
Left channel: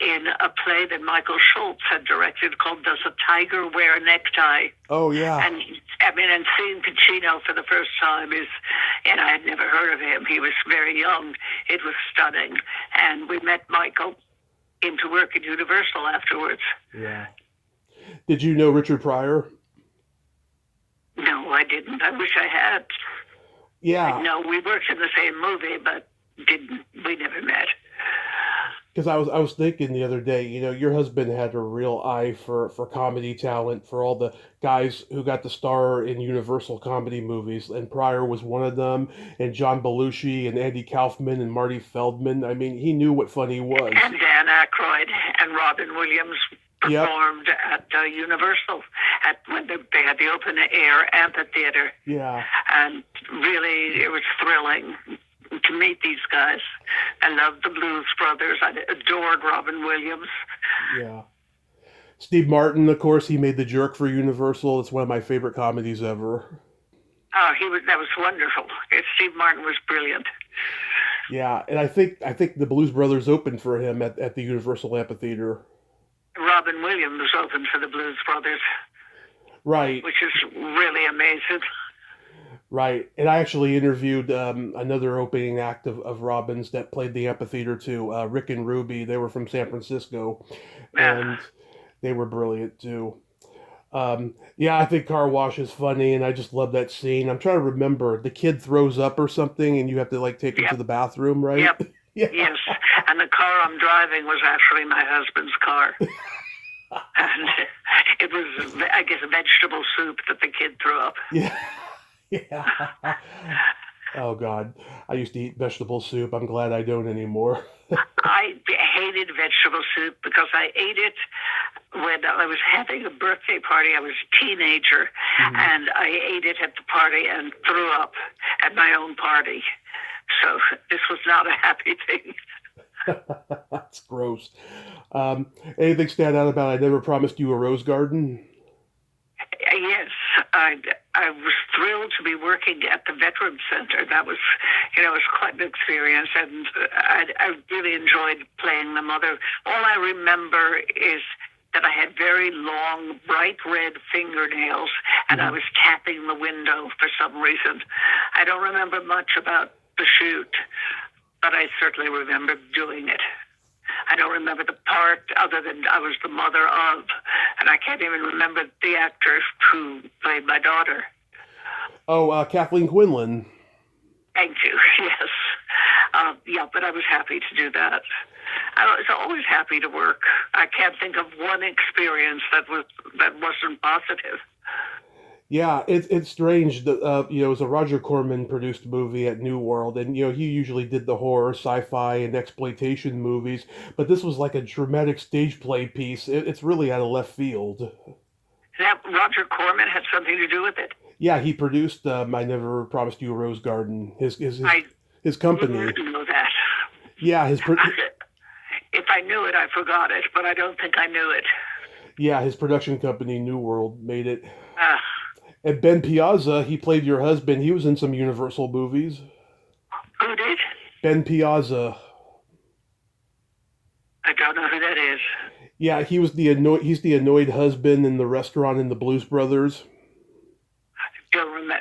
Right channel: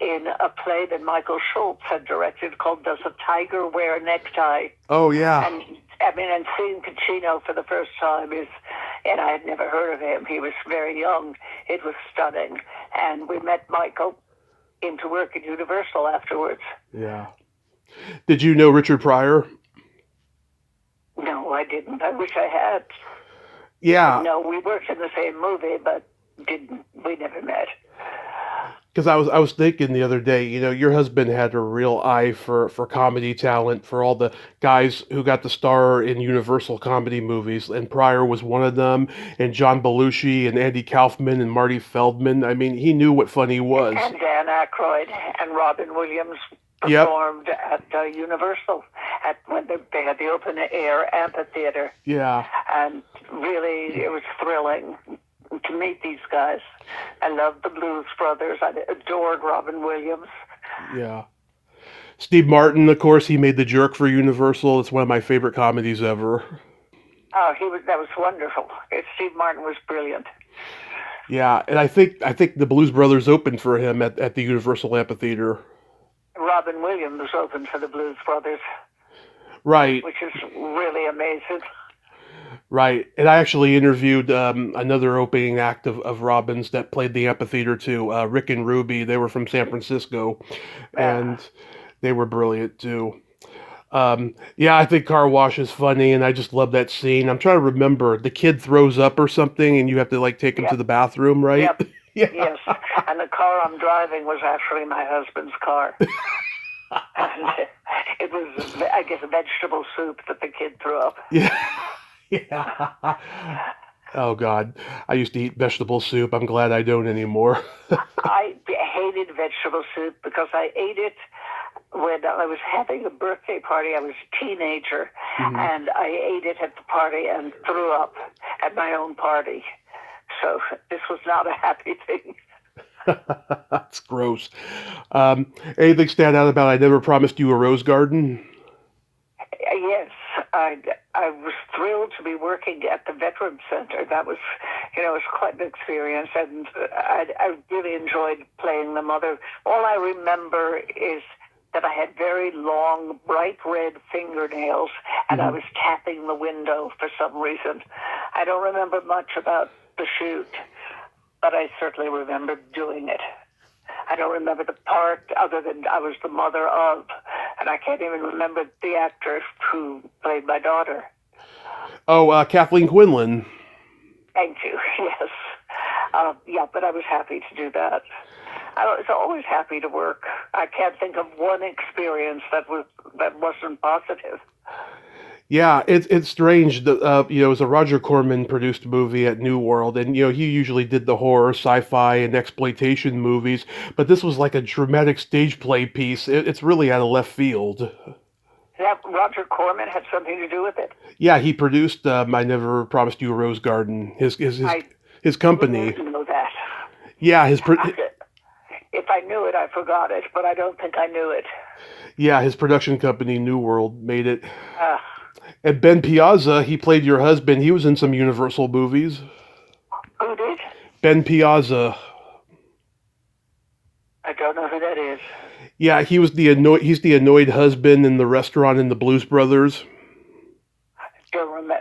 in a play that Michael Schultz had directed called "Does a Tiger Wear a Necktie?" Oh yeah. And and seeing Pacino for the first time and I had never heard of him. He was very young. It was stunning, and we met Michael. Came to work at Universal afterwards. Yeah. Did you know Richard Pryor? No, I didn't. I wish I had. Yeah, No, we worked in the same movie, but we never met. because I was thinking the other day, your husband had a real eye for comedy talent, for all the guys who got to star in Universal comedy movies, and Pryor was one of them, and John Belushi and Andy Kaufman and Marty Feldman. I mean, he knew what funny was. And Dan Aykroyd and Robin Williams Yep. performed at Universal when they had the open air amphitheater, Yeah. and really it was thrilling to meet these guys. I loved the Blues Brothers. I adored Robin Williams. Yeah. Steve Martin, of course, he made The Jerk for Universal. It's one of my favorite comedies ever. Oh, that was wonderful. Steve Martin was brilliant. Yeah, and I think the Blues Brothers opened for him at the Universal Amphitheater. Robin Williams opened for the Blues Brothers, Right, which is really amazing. right. And I actually interviewed another opening act of Robin's that played the amphitheater too, Rick and Ruby. They were from San Francisco, Yeah. and they were brilliant too. Yeah, I think Car Wash is funny, and I just love that scene. I'm trying to remember. The kid throws up or something, and you have to like take him to Yep. the bathroom, right? Yep. Yeah. Yes. And the car I'm driving was actually my husband's car. And it was, I guess, vegetable soup that the kid threw up. Yeah. Yeah. Oh God, I used to eat vegetable soup. I'm glad I don't anymore. I hated vegetable soup because I ate it when I was having a birthday party. I was a teenager, Mhm. and I ate it at the party and threw up at my own party. So this was not a happy thing. That's gross. Anything stand out about I Never Promised You a Rose Garden? Yes, I was thrilled to be working at the Veterans Center. That was, it was quite an experience, and I really enjoyed playing the mother. All I remember is that I had very long, bright red fingernails, and I Mhm. was tapping the window for some reason. I don't remember much about the shoot, but I certainly remember doing it. I don't remember the part other than I was the mother of, and I can't even remember the actress who played my daughter. Oh, Kathleen Quinlan. Thank you. Yes. Yeah, but I was happy to do that. I was always happy to work. I can't think of one experience that wasn't positive. Yeah, it's strange that it was a Roger Corman produced movie at New World, and he usually did the horror, sci-fi, and exploitation movies, but this was like a dramatic stage play piece. It's really out of left field. That Roger Corman had something to do with it. Yeah, he produced I Never Promised You a Rose Garden. His I his company. didn't know that. Yeah, his. If I knew forgot it, but I don't think I knew it. Yeah, his production company, New World, made it. Uh, And Ben Piazza, he played your husband. He was in some Universal movies. who did? Ben Piazza. I don't know who that is. Yeah, he's the annoyed husband in the restaurant in the Blues Brothers. Don't remember.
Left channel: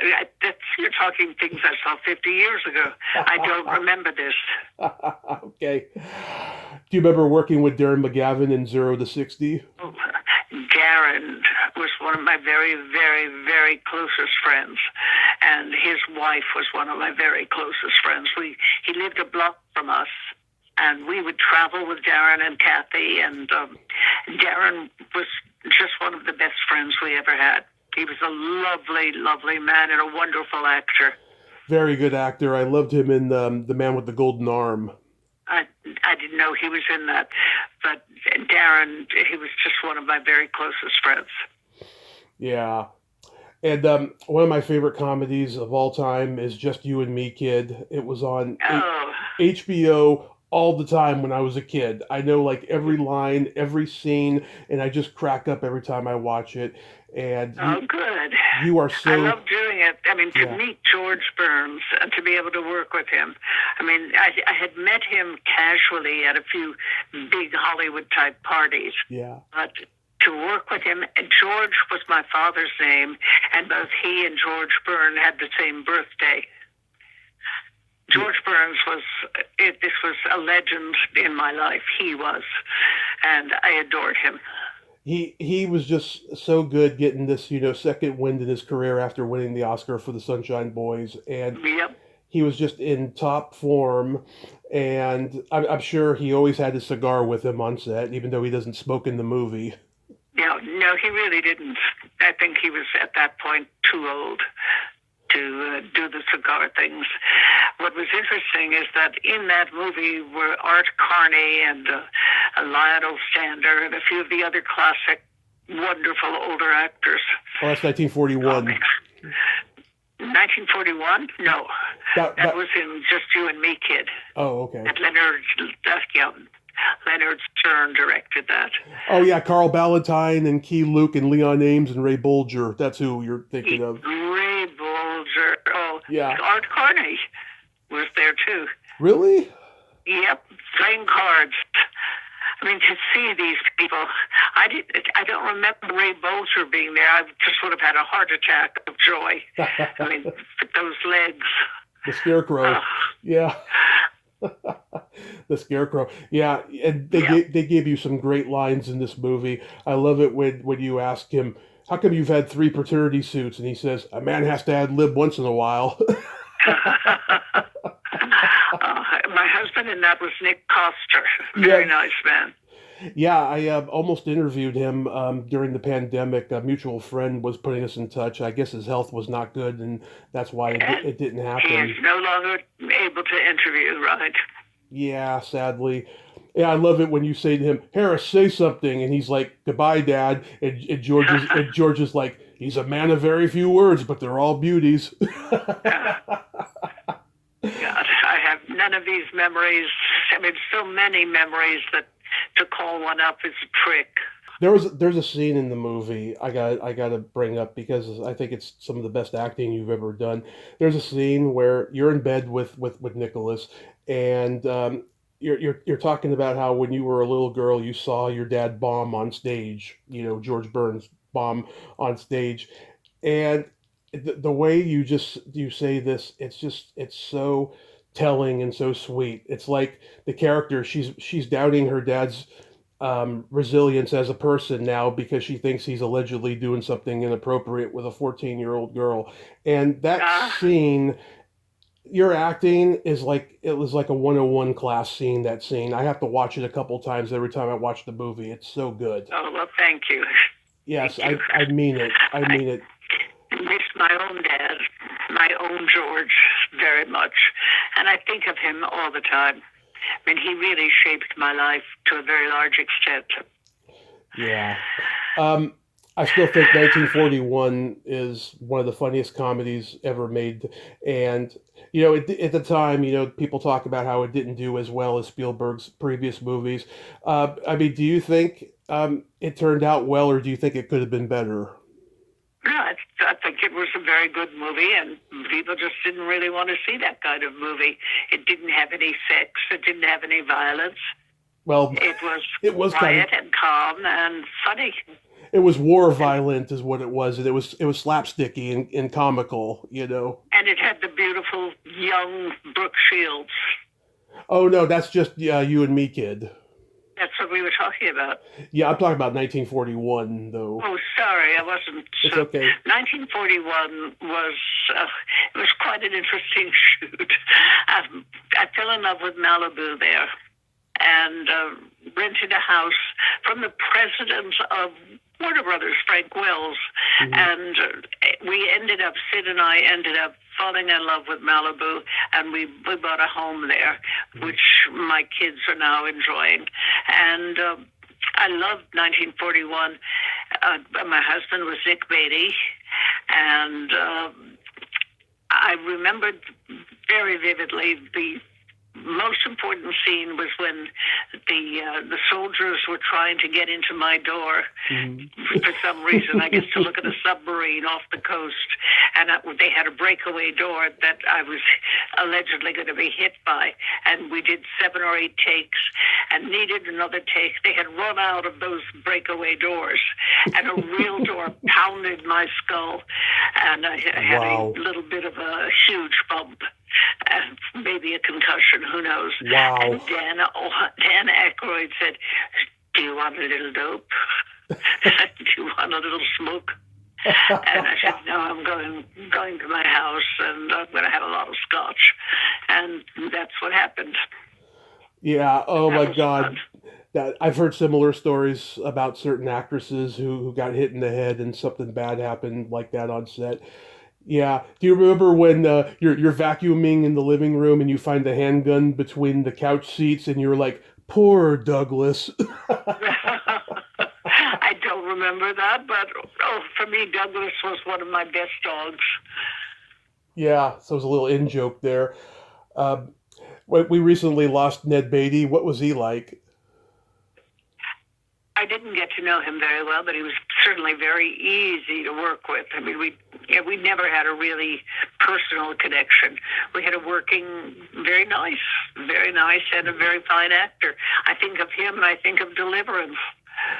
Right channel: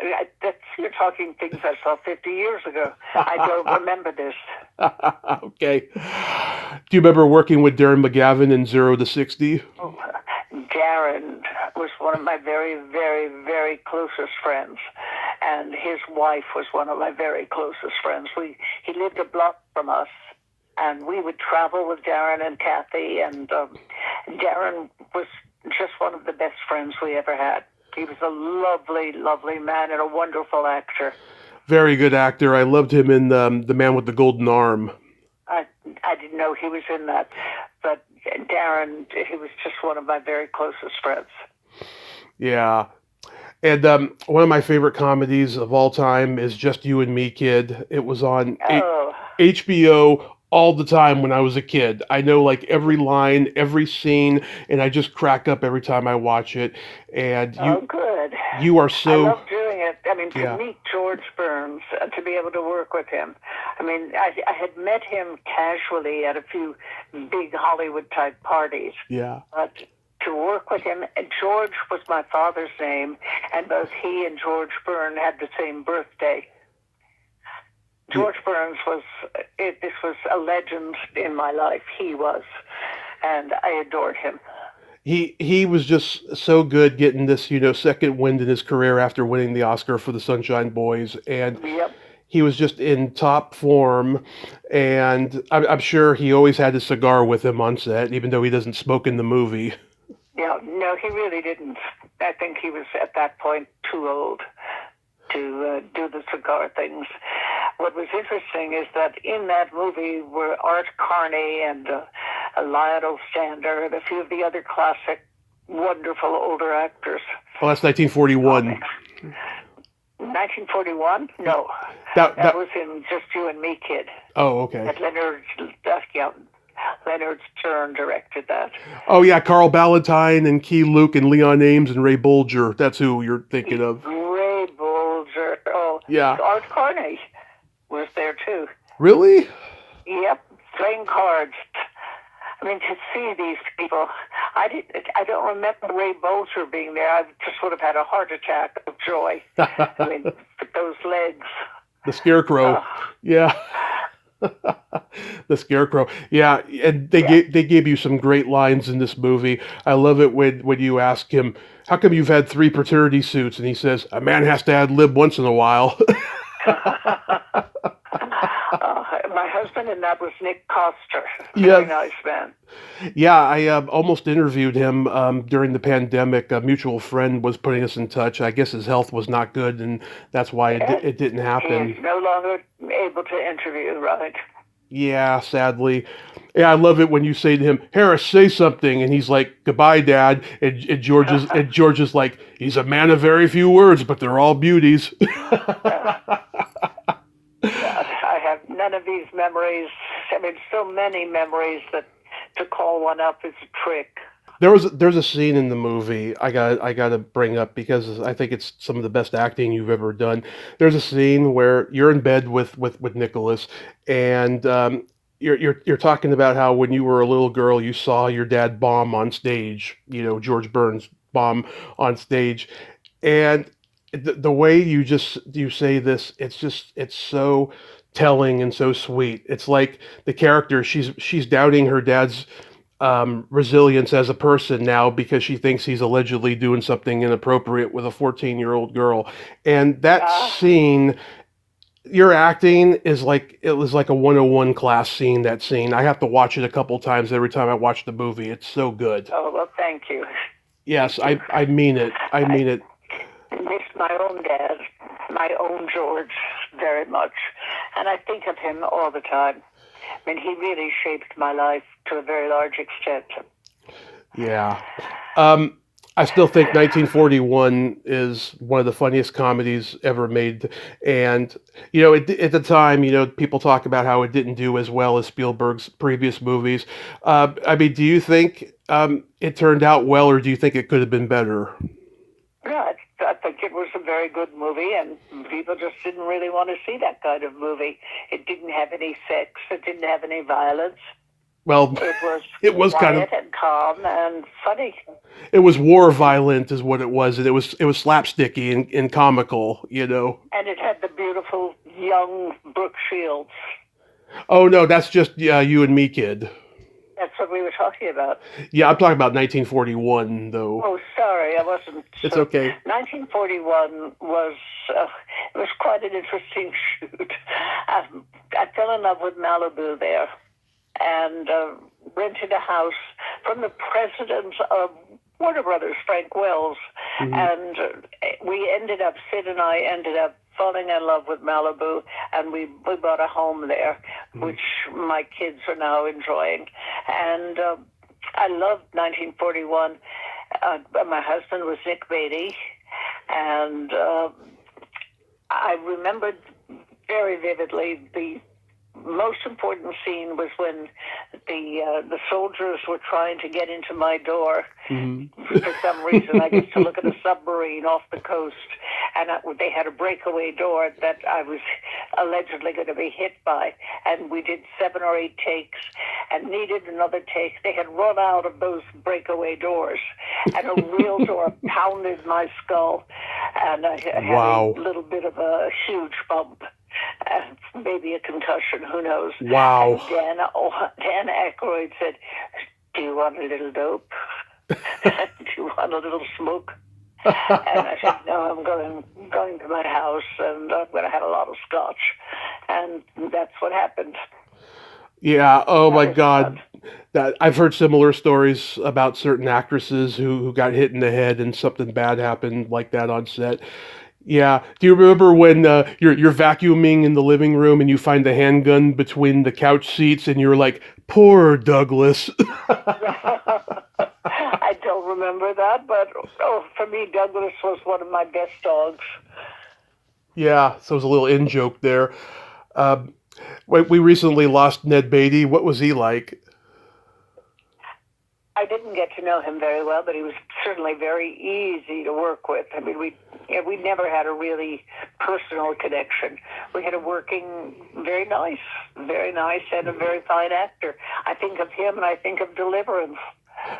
You're talking things I saw 50 years ago. I don't remember this. Okay. Do you remember working with Darren McGavin in 0 to 60? Darren was one of my very, very, very closest friends, and his wife was one of my very closest friends. He lived a block from us, and we would travel with Darren and Kathy, and Darren was just one of the best friends we ever had. He was a lovely, lovely man and a wonderful actor. Very good actor. I loved him in The Man with the Golden Arm. I didn't know he was in that, but Darren, he was just one of my very closest friends. Yeah. And one of my favorite comedies of all time is Just You and Me, Kid. It was on HBO all the time when I was a kid. I know like every line, every scene, and I just crack up every time I watch it. And Good. You are I so. love doing it. I mean, to Yeah. meet George Burns, to be able to work with him. I mean, I had met him casually at a few big Hollywood-type parties. Yeah. But to work with him, George was my father's name, and both he and George Burns had the same birthday. George Burns this was a legend in my life. He was, and I adored him. He was just so good getting this, second wind in his career after winning the Oscar for The Sunshine Boys, and Yep. he was just in top form. And I'm sure he always had his cigar with him on set, even though he doesn't smoke in the movie. No, he really didn't. I think he was at that point too old to do the cigar things. What was interesting is that in that movie were Art Carney and Lionel Stander and a few of the other classic, wonderful older actors. Oh, that's 1941. 1941? No. That was in Just You and Me, Kid. Oh, okay. And Leonard Stern directed that. Oh, yeah, Carl Ballantine and Key Luke and Leon Ames and Ray Bolger. That's who you're thinking of. Ray Bolger. Oh, yeah. Art Carney was there too. Really? Yep, playing cards. I mean, to see these people, I don't remember Ray Bolger being there. I just would have had a heart attack of joy. I mean, those legs. The Scarecrow. Yeah. The Scarecrow. Yeah, and they gave you some great lines in this movie. I love it when you ask him, how come you've had 3 paternity suits? And he says, a man has to ad lib once in a while. My husband in that was Nick Coster. Very nice man. Yeah, I almost interviewed him during the pandemic. A mutual friend was putting us in touch. I guess his health was not good, and that's why it didn't happen. He's no longer able to interview, right? Yeah, sadly. Yeah, I love it when you say to him, Harris, say something, and he's like, goodbye, Dad. And George is like, he's a man of very few words, but they're all beauties. Yeah, I have none of these memories. I mean, so many memories that to call one up is a trick. There's a scene in the movie I got to bring up because I think it's some of the best acting you've ever done. There's a scene where you're in bed with Nicholas, and you're talking about how when you were a little girl you saw your dad bomb on stage. George Burns bomb on stage, and the way you say this, it's so telling and so sweet. It's like the character, she's doubting her dad's resilience as a person now because she thinks he's allegedly doing something inappropriate with a 14-year-old girl. And that scene, your acting is like, it was like a 101 class scene, that scene. I have to watch it a couple times every time I watch the movie. It's so good. Oh, well, thank you. Yes, I mean it. I mean it. I miss my own dad, my own George, very much. And I think of him all the time. I mean, he really shaped my life to a very large extent. Yeah. I still think 1941 is one of the funniest comedies ever made. And, at the time, people talk about how it didn't do as well as Spielberg's previous movies. I mean, do you think it turned out well, or do you think it could have been better? No, I think it was a very good movie, and people just didn't really want to see that kind of movie. It didn't have any sex. It didn't have any violence. Well, It was it was kind of quiet and calm and funny. it was war violent, is what it was, and it was slapsticky and comical. And it had the beautiful young Brooke Shields. Oh no, that's just You and Me, Kid. That's what we were talking about. Yeah, I'm talking about 1941, though. Oh, sorry, I wasn't. It's okay. 1941 was it was quite an interesting shoot. I fell in love with Malibu there, and rented a house from the president of Warner Brothers, Frank Wells, Mm-hmm. and Sid and I ended up falling in love with Malibu, and we bought a home there, which my kids are now enjoying. And I loved 1941. My husband was Nick Beatty, and I remembered very vividly the most important scene was when the soldiers were trying to get into my door for some reason. I guess to look at a submarine off the coast, and they had a breakaway door that I was allegedly going to be hit by. And we did 7 or 8 takes, and needed another take. They had run out of those breakaway doors, and a real door pounded my skull, and I had Wow. a little bit of a huge bump. Maybe a concussion, who knows? Wow. And Dan Aykroyd said, "Do you want a little dope? Do you want a little smoke?" And I said, "No, I'm going to my house, and I'm going to have a lot of scotch." And that's what happened. Yeah. Oh That my was God. fun. That I've heard similar stories about certain actresses who got hit in the head and something bad happened like that on set. Yeah. Do you remember when you're vacuuming in the living room and you find the handgun between the couch seats and you're like, "Poor Douglas." I don't remember that, but for me, Douglas was one of my best dogs. Yeah. So it was a little in joke there. Um, we recently lost Ned Beatty. What was he like? I didn't get to know him very well, but he was certainly very easy to work with. I mean, we never had a really personal connection. We had a working, very nice, and a very fine actor. I think of him and I think of Deliverance.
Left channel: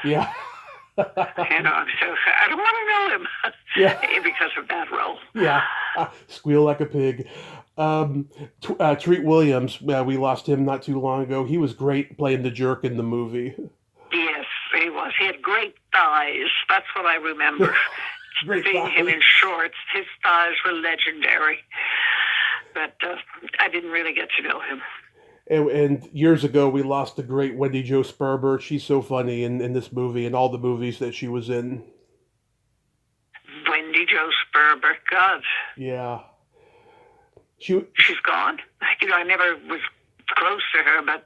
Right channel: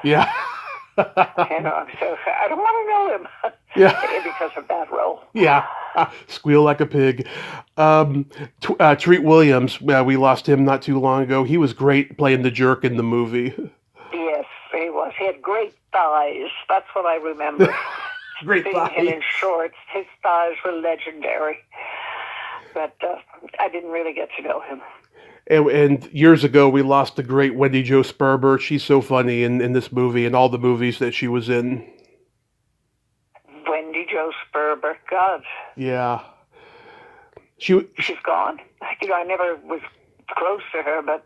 Yeah. So I don't want to know him Yeah. because of that role. Yeah. Squeal like a pig. Treat Williams, we lost him not too long ago. He was great playing the jerk in the movie. Yes, he was. He had great thighs. That's what I remember. Great Seeing him in thighs. shorts, his thighs were legendary. But I didn't really get to know him. And years ago, we lost the great Wendy Jo Sperber. She's so funny in this movie and all the movies that she was in. Wendy Jo Sperber. God, Yeah. she's gone. I never was close to her, but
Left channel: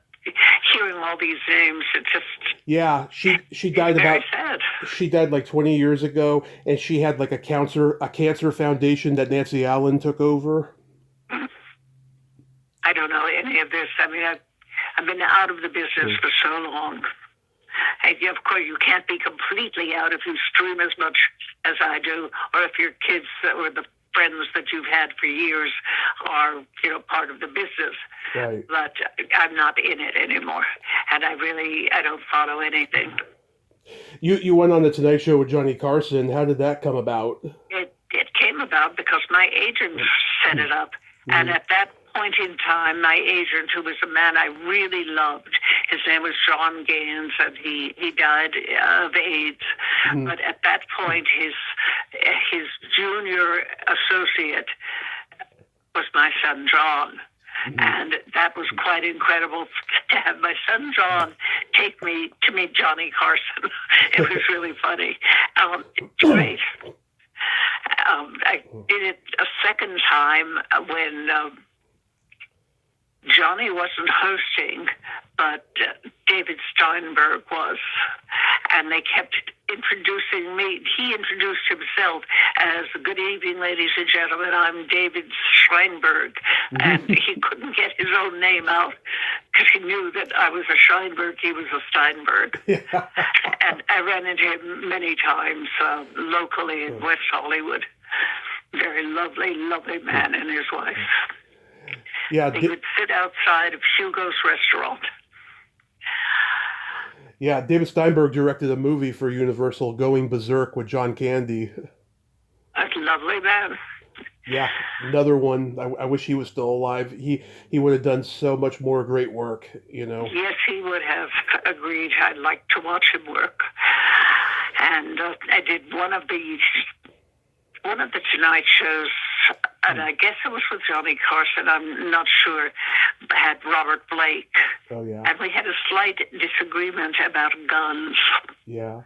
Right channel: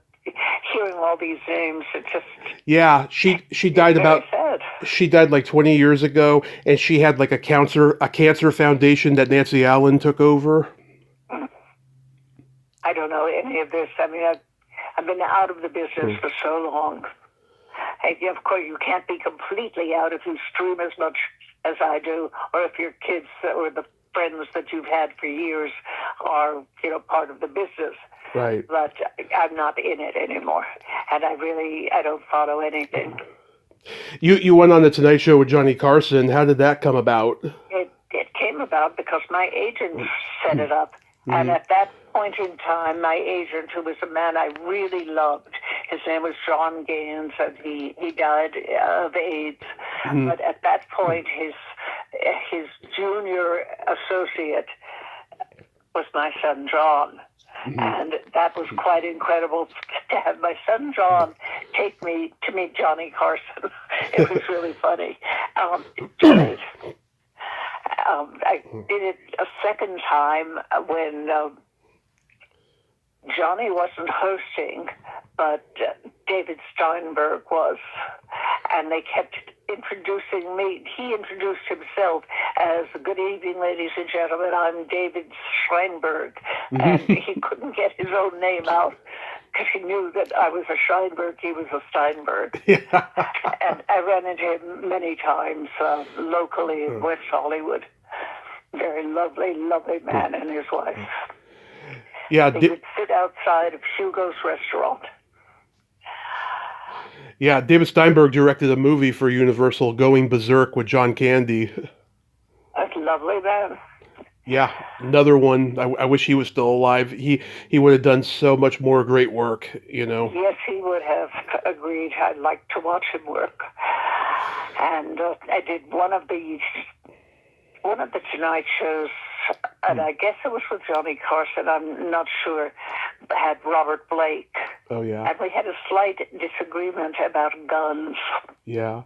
hearing all these names, it just Yeah, she died very about sad. she died like 20 years ago, and she had like a cancer foundation that Nancy Allen took over. I don't know any of this. I mean, I've been out of the business for so long. And of course, you can't be completely out if you stream as much as I do, or if your kids or the friends that you've had for years are, part of the business. Right. But I'm not in it anymore, and I don't follow anything. You went on the Tonight Show with Johnny Carson. How did that come about? It came about because my agent set it up, and at that point in time, my agent, who was a man I really loved, his name was John Gaines, and he died of AIDS. But at that point, his junior associate was my son John. And that was quite incredible to have my son John take me to meet Johnny Carson. It was really funny. Great. I did it a second time when Johnny wasn't hosting, but David Steinberg was. And they kept introducing me he introduced himself as, "Good evening, ladies and gentlemen, I'm David Scheinberg." And he couldn't get his own name out because he knew that I was a Scheinberg, he was a Steinberg. Yeah. And I ran into him many times locally in West Hollywood. Very lovely, lovely man and his wife. Yeah. They would sit outside of Hugo's restaurant. Yeah, David Steinberg directed a movie for Universal, Going Berserk, with John Candy. A lovely man. Yeah, another one. I wish he was still alive. He would have done so much more great work, you know. Yes, he would have agreed. I'd like to watch him work. And I did one of the Tonight shows, and I guess it was with Johnny Carson, I'm not sure, had Robert Blake. Oh, yeah. And we had a slight disagreement about guns. Yeah.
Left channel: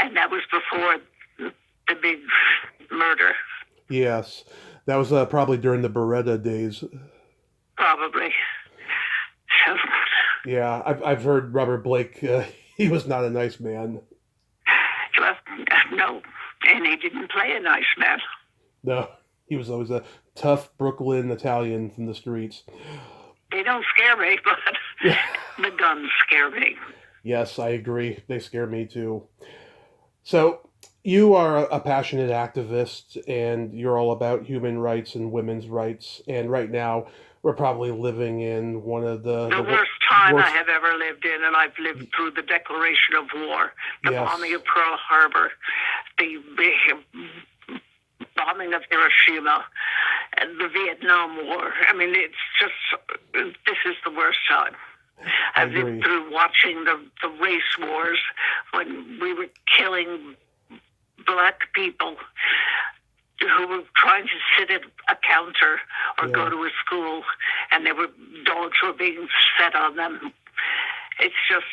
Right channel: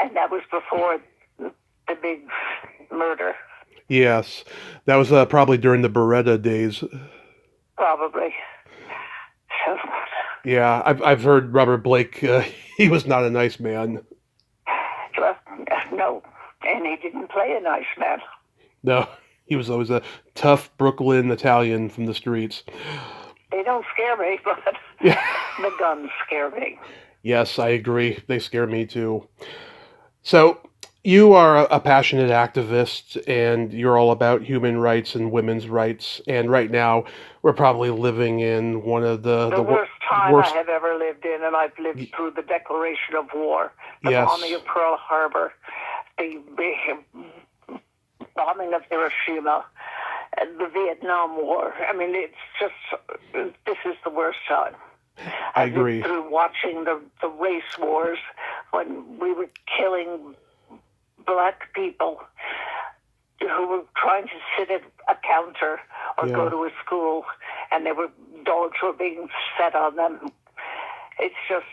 And that was before the big murder. Yes. That was probably during the Beretta days. Probably. So, yeah, I've heard Robert Blake, he was not a nice man. Well, no. And he didn't play a nice man. No, he was always a tough Brooklyn Italian from the streets. They don't scare me, but the guns scare me. Yes, I agree. They scare me too. So, you are a passionate activist, and you're all about human rights and women's rights. And right now, we're probably living in one of the worst time I have ever lived in, and I've lived through the declaration of war, the bombing of Pearl Harbor, the bombing of Hiroshima, and the Vietnam War. I mean, it's just, this is the worst time. I agree. I've been through watching the race wars when we were killing black people who were trying to sit at a counter or go to a school, and dogs were being set on them. It's just,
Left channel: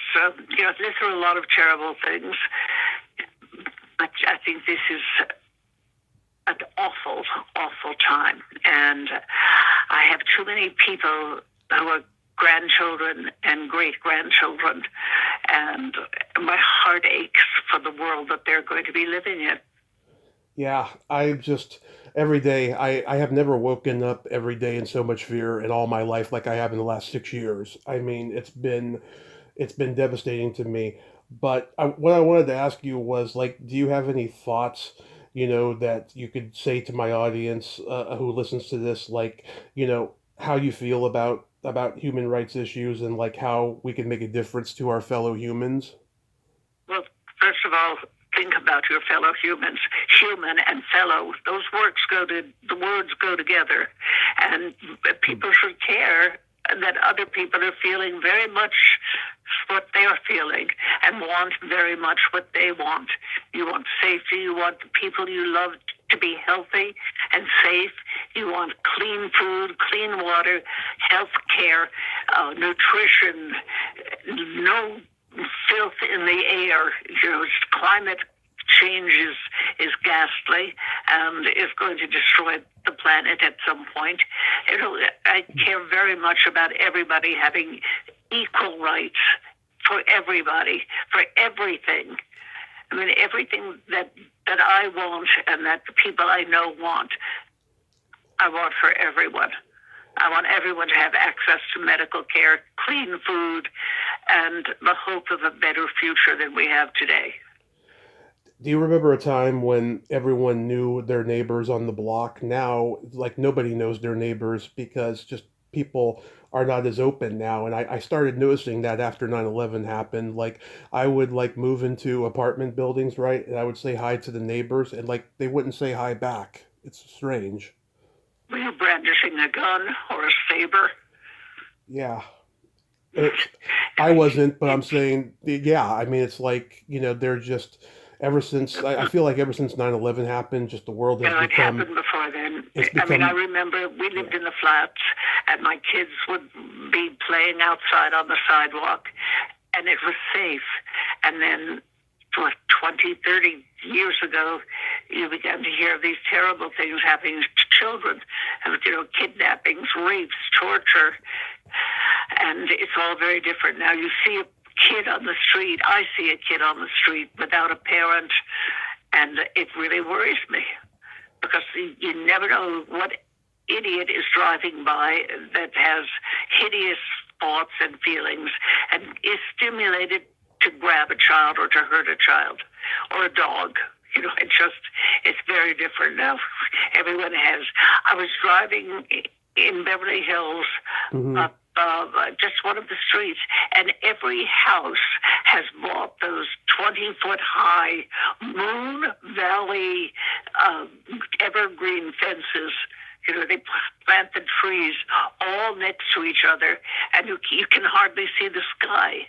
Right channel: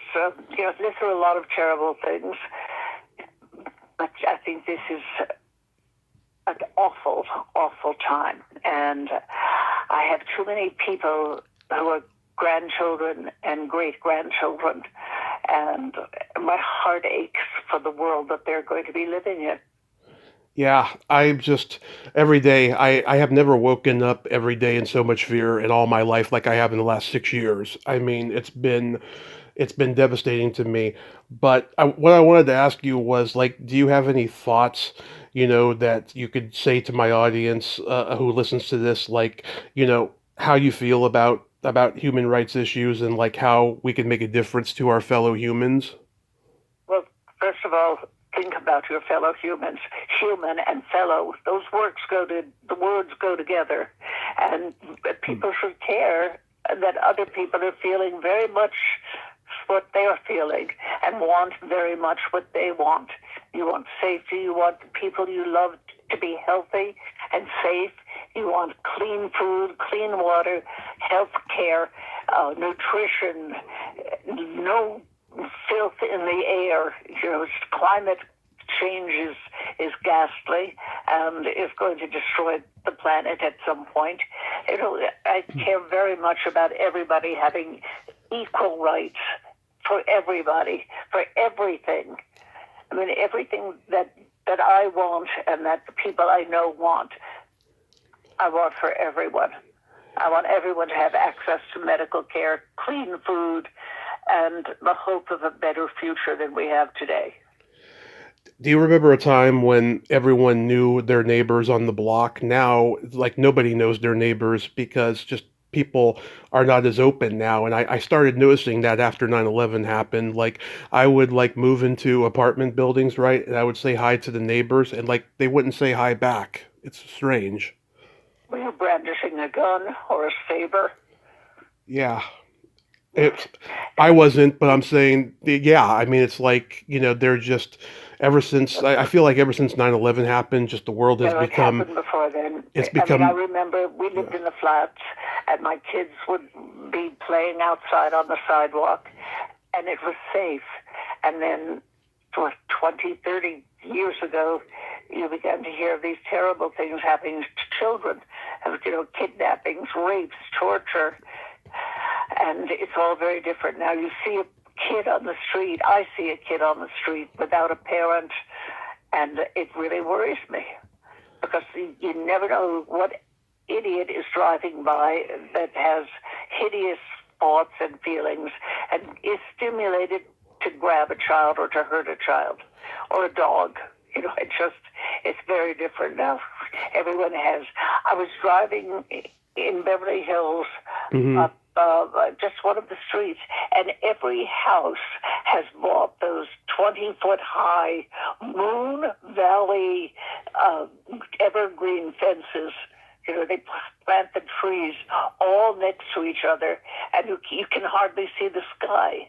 these are a lot of terrible things. But I think this is an awful, awful time. And I have too many people who are grandchildren and great-grandchildren, and my heart aches for the world that they're going to be living in. Yeah, every day, I have never woken up every day in so much fear in all my life like I have in the last 6 years. I mean, it's been devastating to me. But what I wanted to ask you was, like, do you have any thoughts, that you could say to my audience who listens to this, like, how you feel about human rights issues and, like, how we can make a difference to our fellow humans? Well, first of all, think about your fellow humans. Human and fellow, those the words go together. And people should care that other people are feeling very much what they're feeling and want very much what they want. You want safety. You want the people you love to be healthy and safe. You want clean food, clean water, health care, nutrition, no filth in the air. Climate change is ghastly and is going to destroy the planet at some point. I care very much about everybody having equal rights for everybody, for everything. I mean, everything that I want and that the people I know want, I want for everyone. I want everyone to have access to medical care, clean food, and the hope of a better future than we have today. Do you remember a time when everyone knew their neighbors on the block? Now, like, nobody knows their neighbors because just people are not as open now. And I started noticing that after 9/11 happened. Like, I would, like, move into apartment buildings, right? And I would say hi to the neighbors, and, like, they wouldn't say hi back. It's strange. Were you brandishing a gun or a saber? Yeah. I wasn't, but I'm saying, yeah, I mean, it's like, they're just, I feel like ever since 9/11 happened, just the world has become. It happened before then. I remember we lived in the flats, and my kids would be playing outside on the sidewalk, and it was safe. And then 20, 30 years ago, you began to hear of these terrible things happening to children, kidnappings, rapes, torture, and it's all very different now. You see a kid on the street, I see a kid on the street without a parent, And it really worries me because you never know what idiot is driving by that has hideous thoughts and feelings and is stimulated to grab a child or to hurt a child or a dog. It's very different now. Everyone has. I was driving in Beverly Hills, Mm-hmm. up just one of the streets, and every house has bought those 20-foot high Moon Valley evergreen fences. They plant the trees all next to each other, and you can hardly see the sky.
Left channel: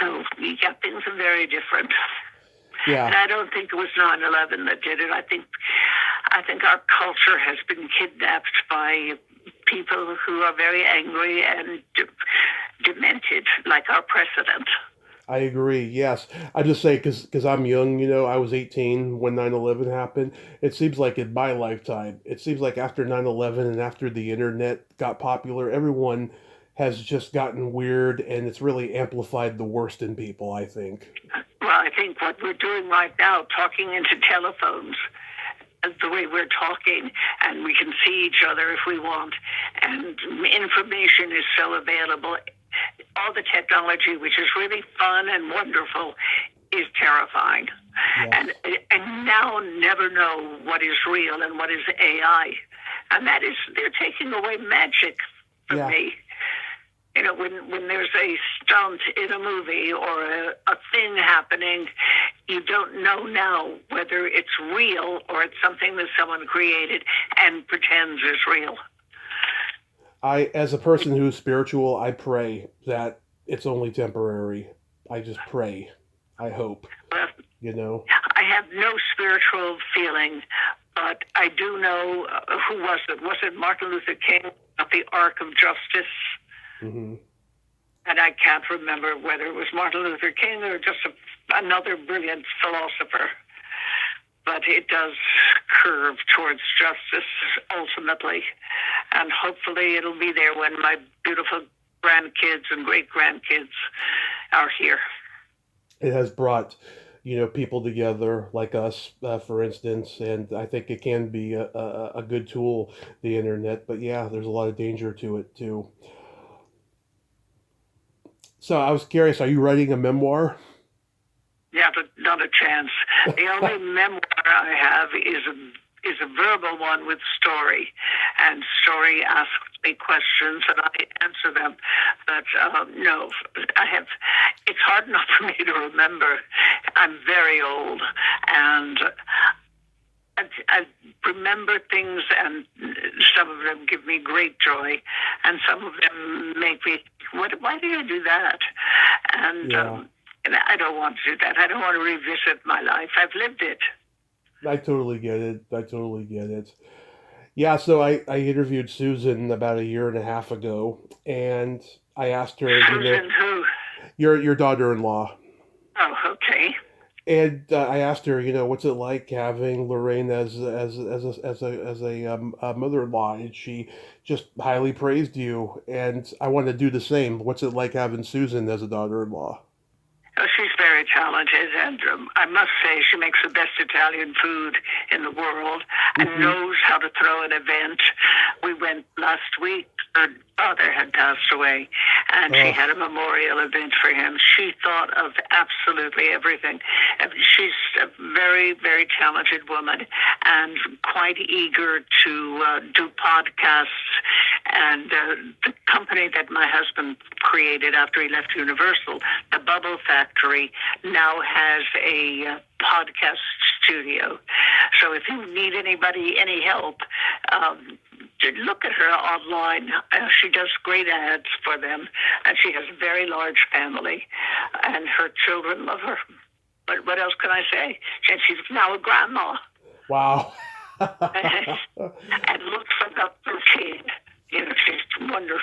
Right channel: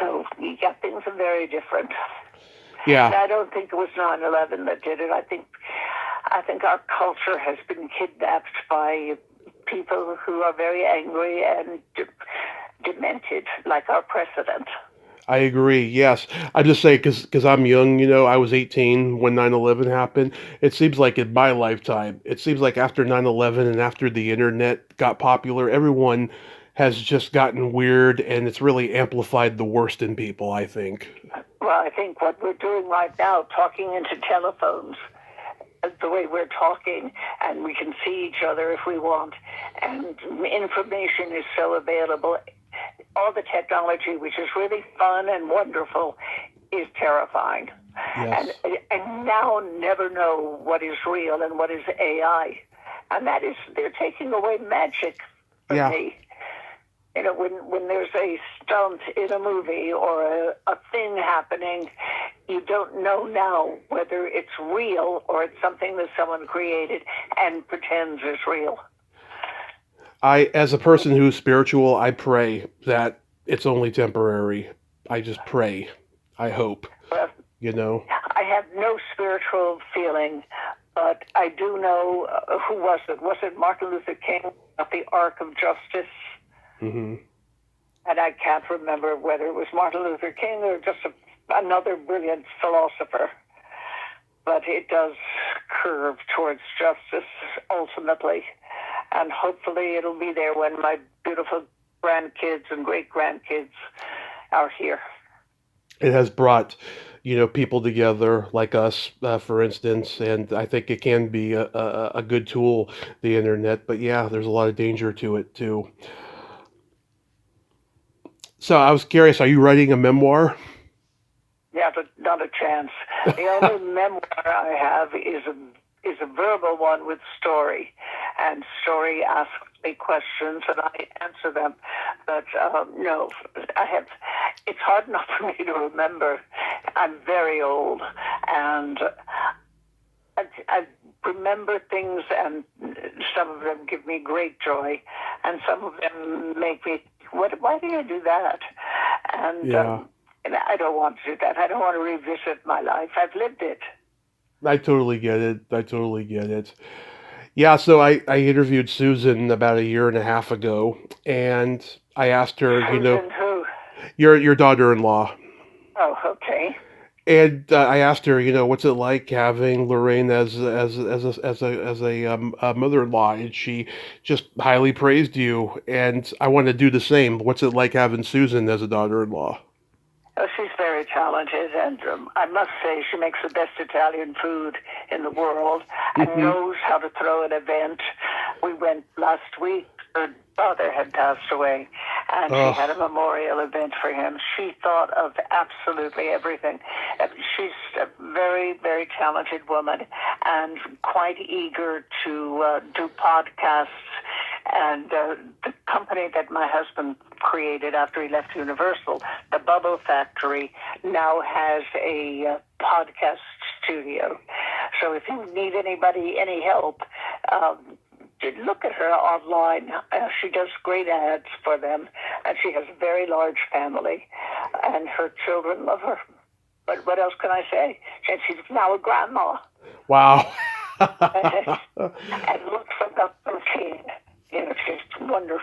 So, yeah, things are very different. Yeah. And I don't think it was 9/11 that did it. I think our culture has been kidnapped by people who are very angry and demented, like our president. I agree. Yes, I just say because I'm young. I was 18 when 9/11 happened. It seems like in my lifetime, it seems like after 9/11 and after the internet got popular, everyone has just gotten weird, and it's really amplified the worst in people, I think. Well, I think what we're doing right now, talking into telephones, the way we're talking, and we can see each other if we want, and information is so available. All the technology, which is really fun and wonderful, is terrifying. Yes. And now never know what is real and what is AI. And they're taking away magic from Yeah. me. When there's a stunt in a movie or a thing happening, you don't know now whether it's real or it's something that someone created and pretends is real. As a person who's spiritual, I pray that it's only temporary. I just pray. I hope. But You know. I have no spiritual feeling, but I do know who was it? Was it Martin Luther King of the Ark of Justice? Hmm. And I can't remember whether it was Martin Luther King or just another brilliant philosopher. But it does curve towards justice ultimately. And hopefully it'll be there when my beautiful grandkids and great-grandkids are here. It has brought, people together like us, for instance, and I think it can be a good tool, the internet. But yeah, there's a lot of danger to it too. So I was curious, are you writing a memoir? Yeah, but not a chance. The only memoir I have is a verbal one with Story, and Story asks me questions and I answer them. But no, I have. It's hard enough for me to remember. I'm very old, and I remember things, and some of them give me great joy, and some of them make me. Why did I do that? And Yeah, I don't want to do that. I don't want to revisit my life. I've lived it. I totally get it. I totally get it. Yeah, so I interviewed Susan about a year and a half ago, and I asked her, Susan who? your daughter-in-law. Oh, okay. And I asked her, what's it like having Lorraine as a mother-in-law, and she just highly praised you. And I want to do the same. What's it like having Susan as a daughter-in-law? Oh, she's very talented, and I must say she makes the best Italian food in the world and Hmm. knows how to throw an event. We went last week. Her father had passed away, and she Oh, had a memorial event for him. She thought of absolutely everything. And she's a very, very talented woman and quite eager to do podcasts. And the company that my husband created after he left Universal, the Bubble Factory, now has a podcast studio. So if you need any help, look at her online. She does great ads for them, and she has a very large family, and her children love her. But what else can I say? And she's now a grandma wow. and looks about 13. She's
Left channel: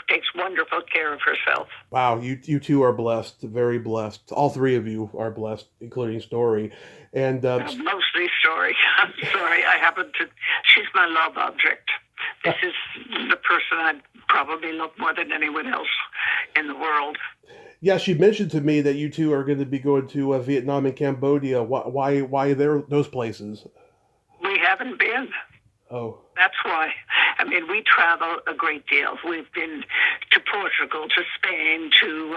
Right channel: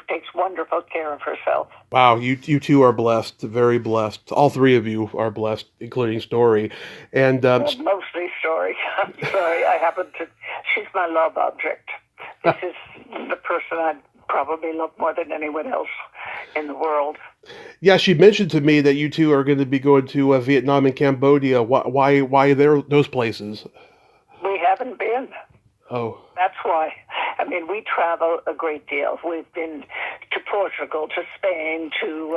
takes wonderful care of herself. Wow, you two are blessed, very blessed. All three of you are blessed, including Story. And Mostly Story. I'm sorry, I happen to. She's my love object. This is the person I probably love more than anyone else in the world. Yeah, she mentioned to me that you two are going to be going to Vietnam and Cambodia. Why those places? We haven't been. Oh, That's why. I mean, we travel a great deal. We've been to Portugal, to Spain, to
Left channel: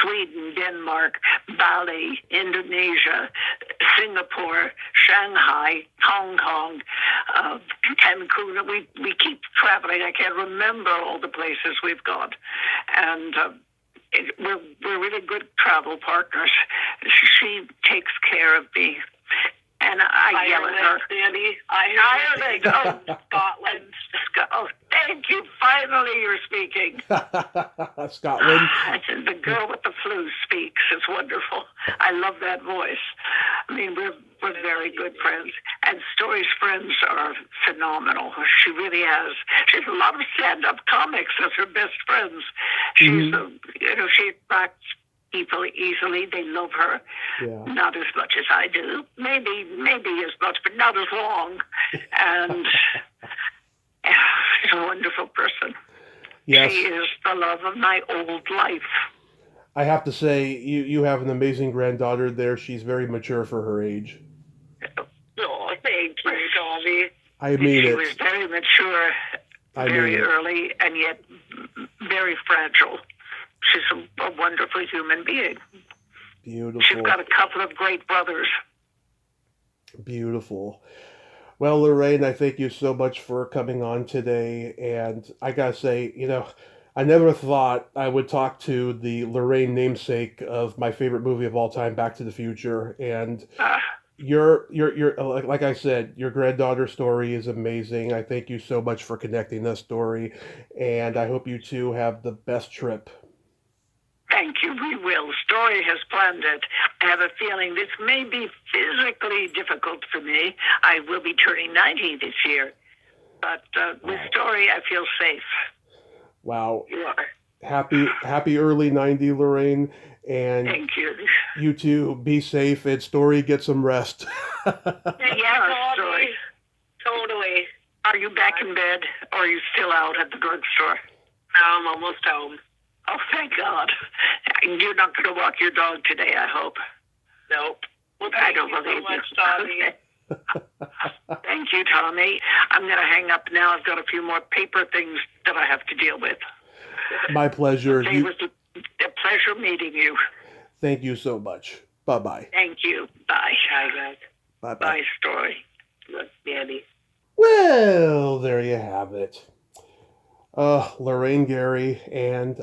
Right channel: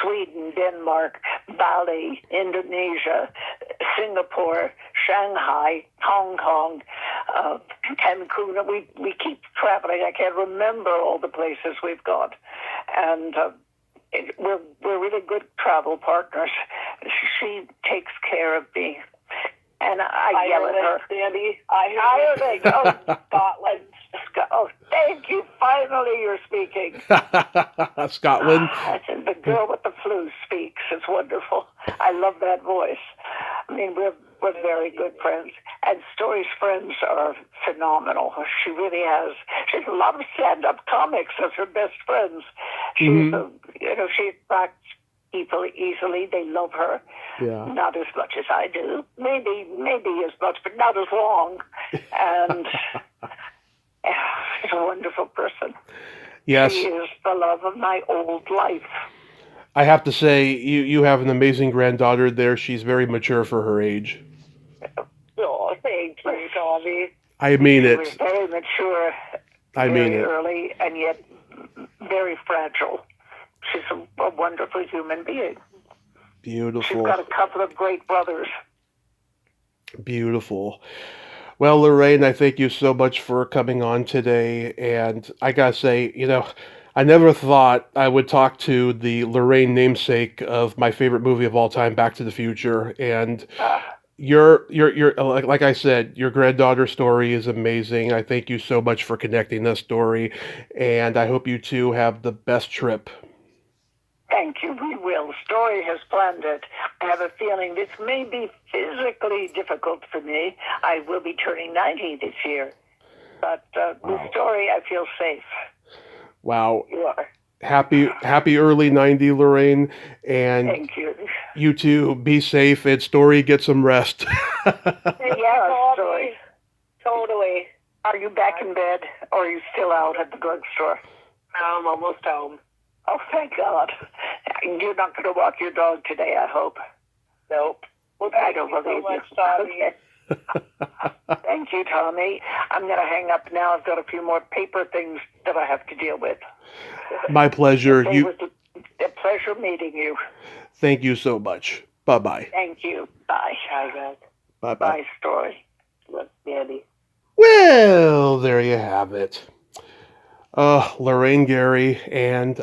Sweden, Denmark, Bali, Indonesia, Singapore, Shanghai, Hong Kong, Cancun. We keep traveling. I can't remember all the places we've gone. And we're really good travel partners. She takes care of me. And I yell at her. Sandy. Ireland. Oh, Scotland. Oh, thank you. Finally, you're speaking. Scotland. The girl with the flu speaks. It's wonderful. I love that voice. I mean, we're very good friends. And Story's friends are phenomenal. She really has. She has a lot of stand-up comics as her best friends. She's, she attracts people easily. They love her. Yeah. Not as much as I do. Maybe as much, but not as long. And she's a wonderful person. Yes. She is the love of my old life. I have to say, you have an amazing granddaughter there. She's very mature for her age. Oh, thank you, Tommy. I mean it. She was very mature, very early, and yet very fragile. She's a wonderful human being. Beautiful. She's got a couple of great brothers. Beautiful. Well, Lorraine, I thank you so much for coming on today. And I gotta say, I never thought I would talk to the Lorraine namesake of my favorite movie of all time, Back to the Future. And you're like I said, your granddaughter's story is amazing. I thank you so much for connecting this story. And I hope you two have the best trip. Thank you. We will. Story has planned it. I have a feeling this may be physically difficult for me. I will be turning 90 this year. But with Story, I feel safe. Wow. You are. Happy early 90, Lorraine. And thank you. You two be safe and Story get some rest. Yeah, Story. Totally. Are you back in bed or are you still out at the drugstore? No, I'm almost home. Oh, thank God. You're not going to walk your dog today, I hope. Nope. Well, I don't believe so much, you. Tommy. Thank you, Tommy. I'm going to hang up now. I've got a few more paper things that I have to deal with. My pleasure. It was a pleasure meeting you. Thank you so much. Bye-bye. Thank you. Bye. Bye, guys. Bye-bye. Bye, Story. Look, Andy. Well, there you have it. Lorraine Gary and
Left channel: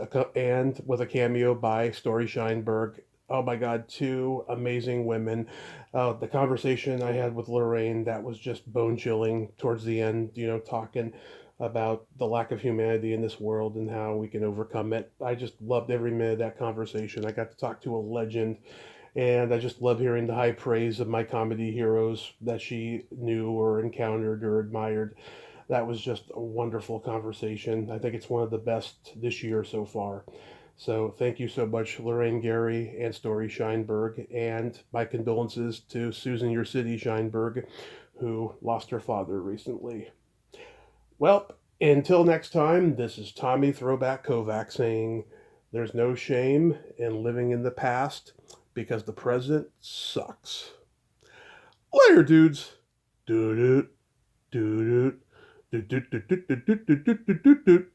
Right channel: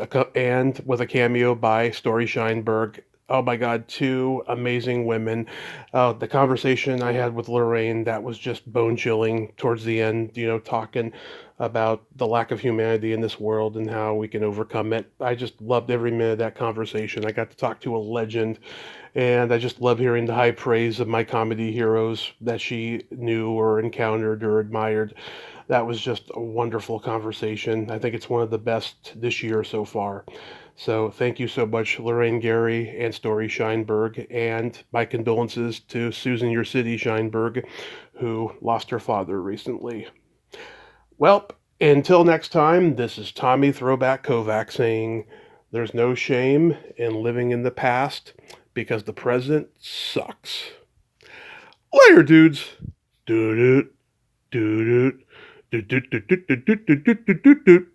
with a cameo by Story Scheinberg. Oh my God, two amazing women. The conversation I had with Lorraine, that was just bone chilling towards the end, talking about the lack of humanity in this world and how we can overcome it. I just loved every minute of that conversation. I got to talk to a legend, and I just love hearing the high praise of my comedy heroes that she knew or encountered or admired. That was just a wonderful conversation. I think it's one of the best this year so far. So thank you so much, Lorraine Gary and Story Scheinberg, and my condolences to Susan Your City Scheinberg, who lost her father recently. Well, until next time, this is Tommy Throwback Kovac saying there's no shame in living in the past because the present sucks. Later, dudes. Doo-doo, doo-doo, doo-doo, doo-doo, doo-doo, doo-doo, doo-doo.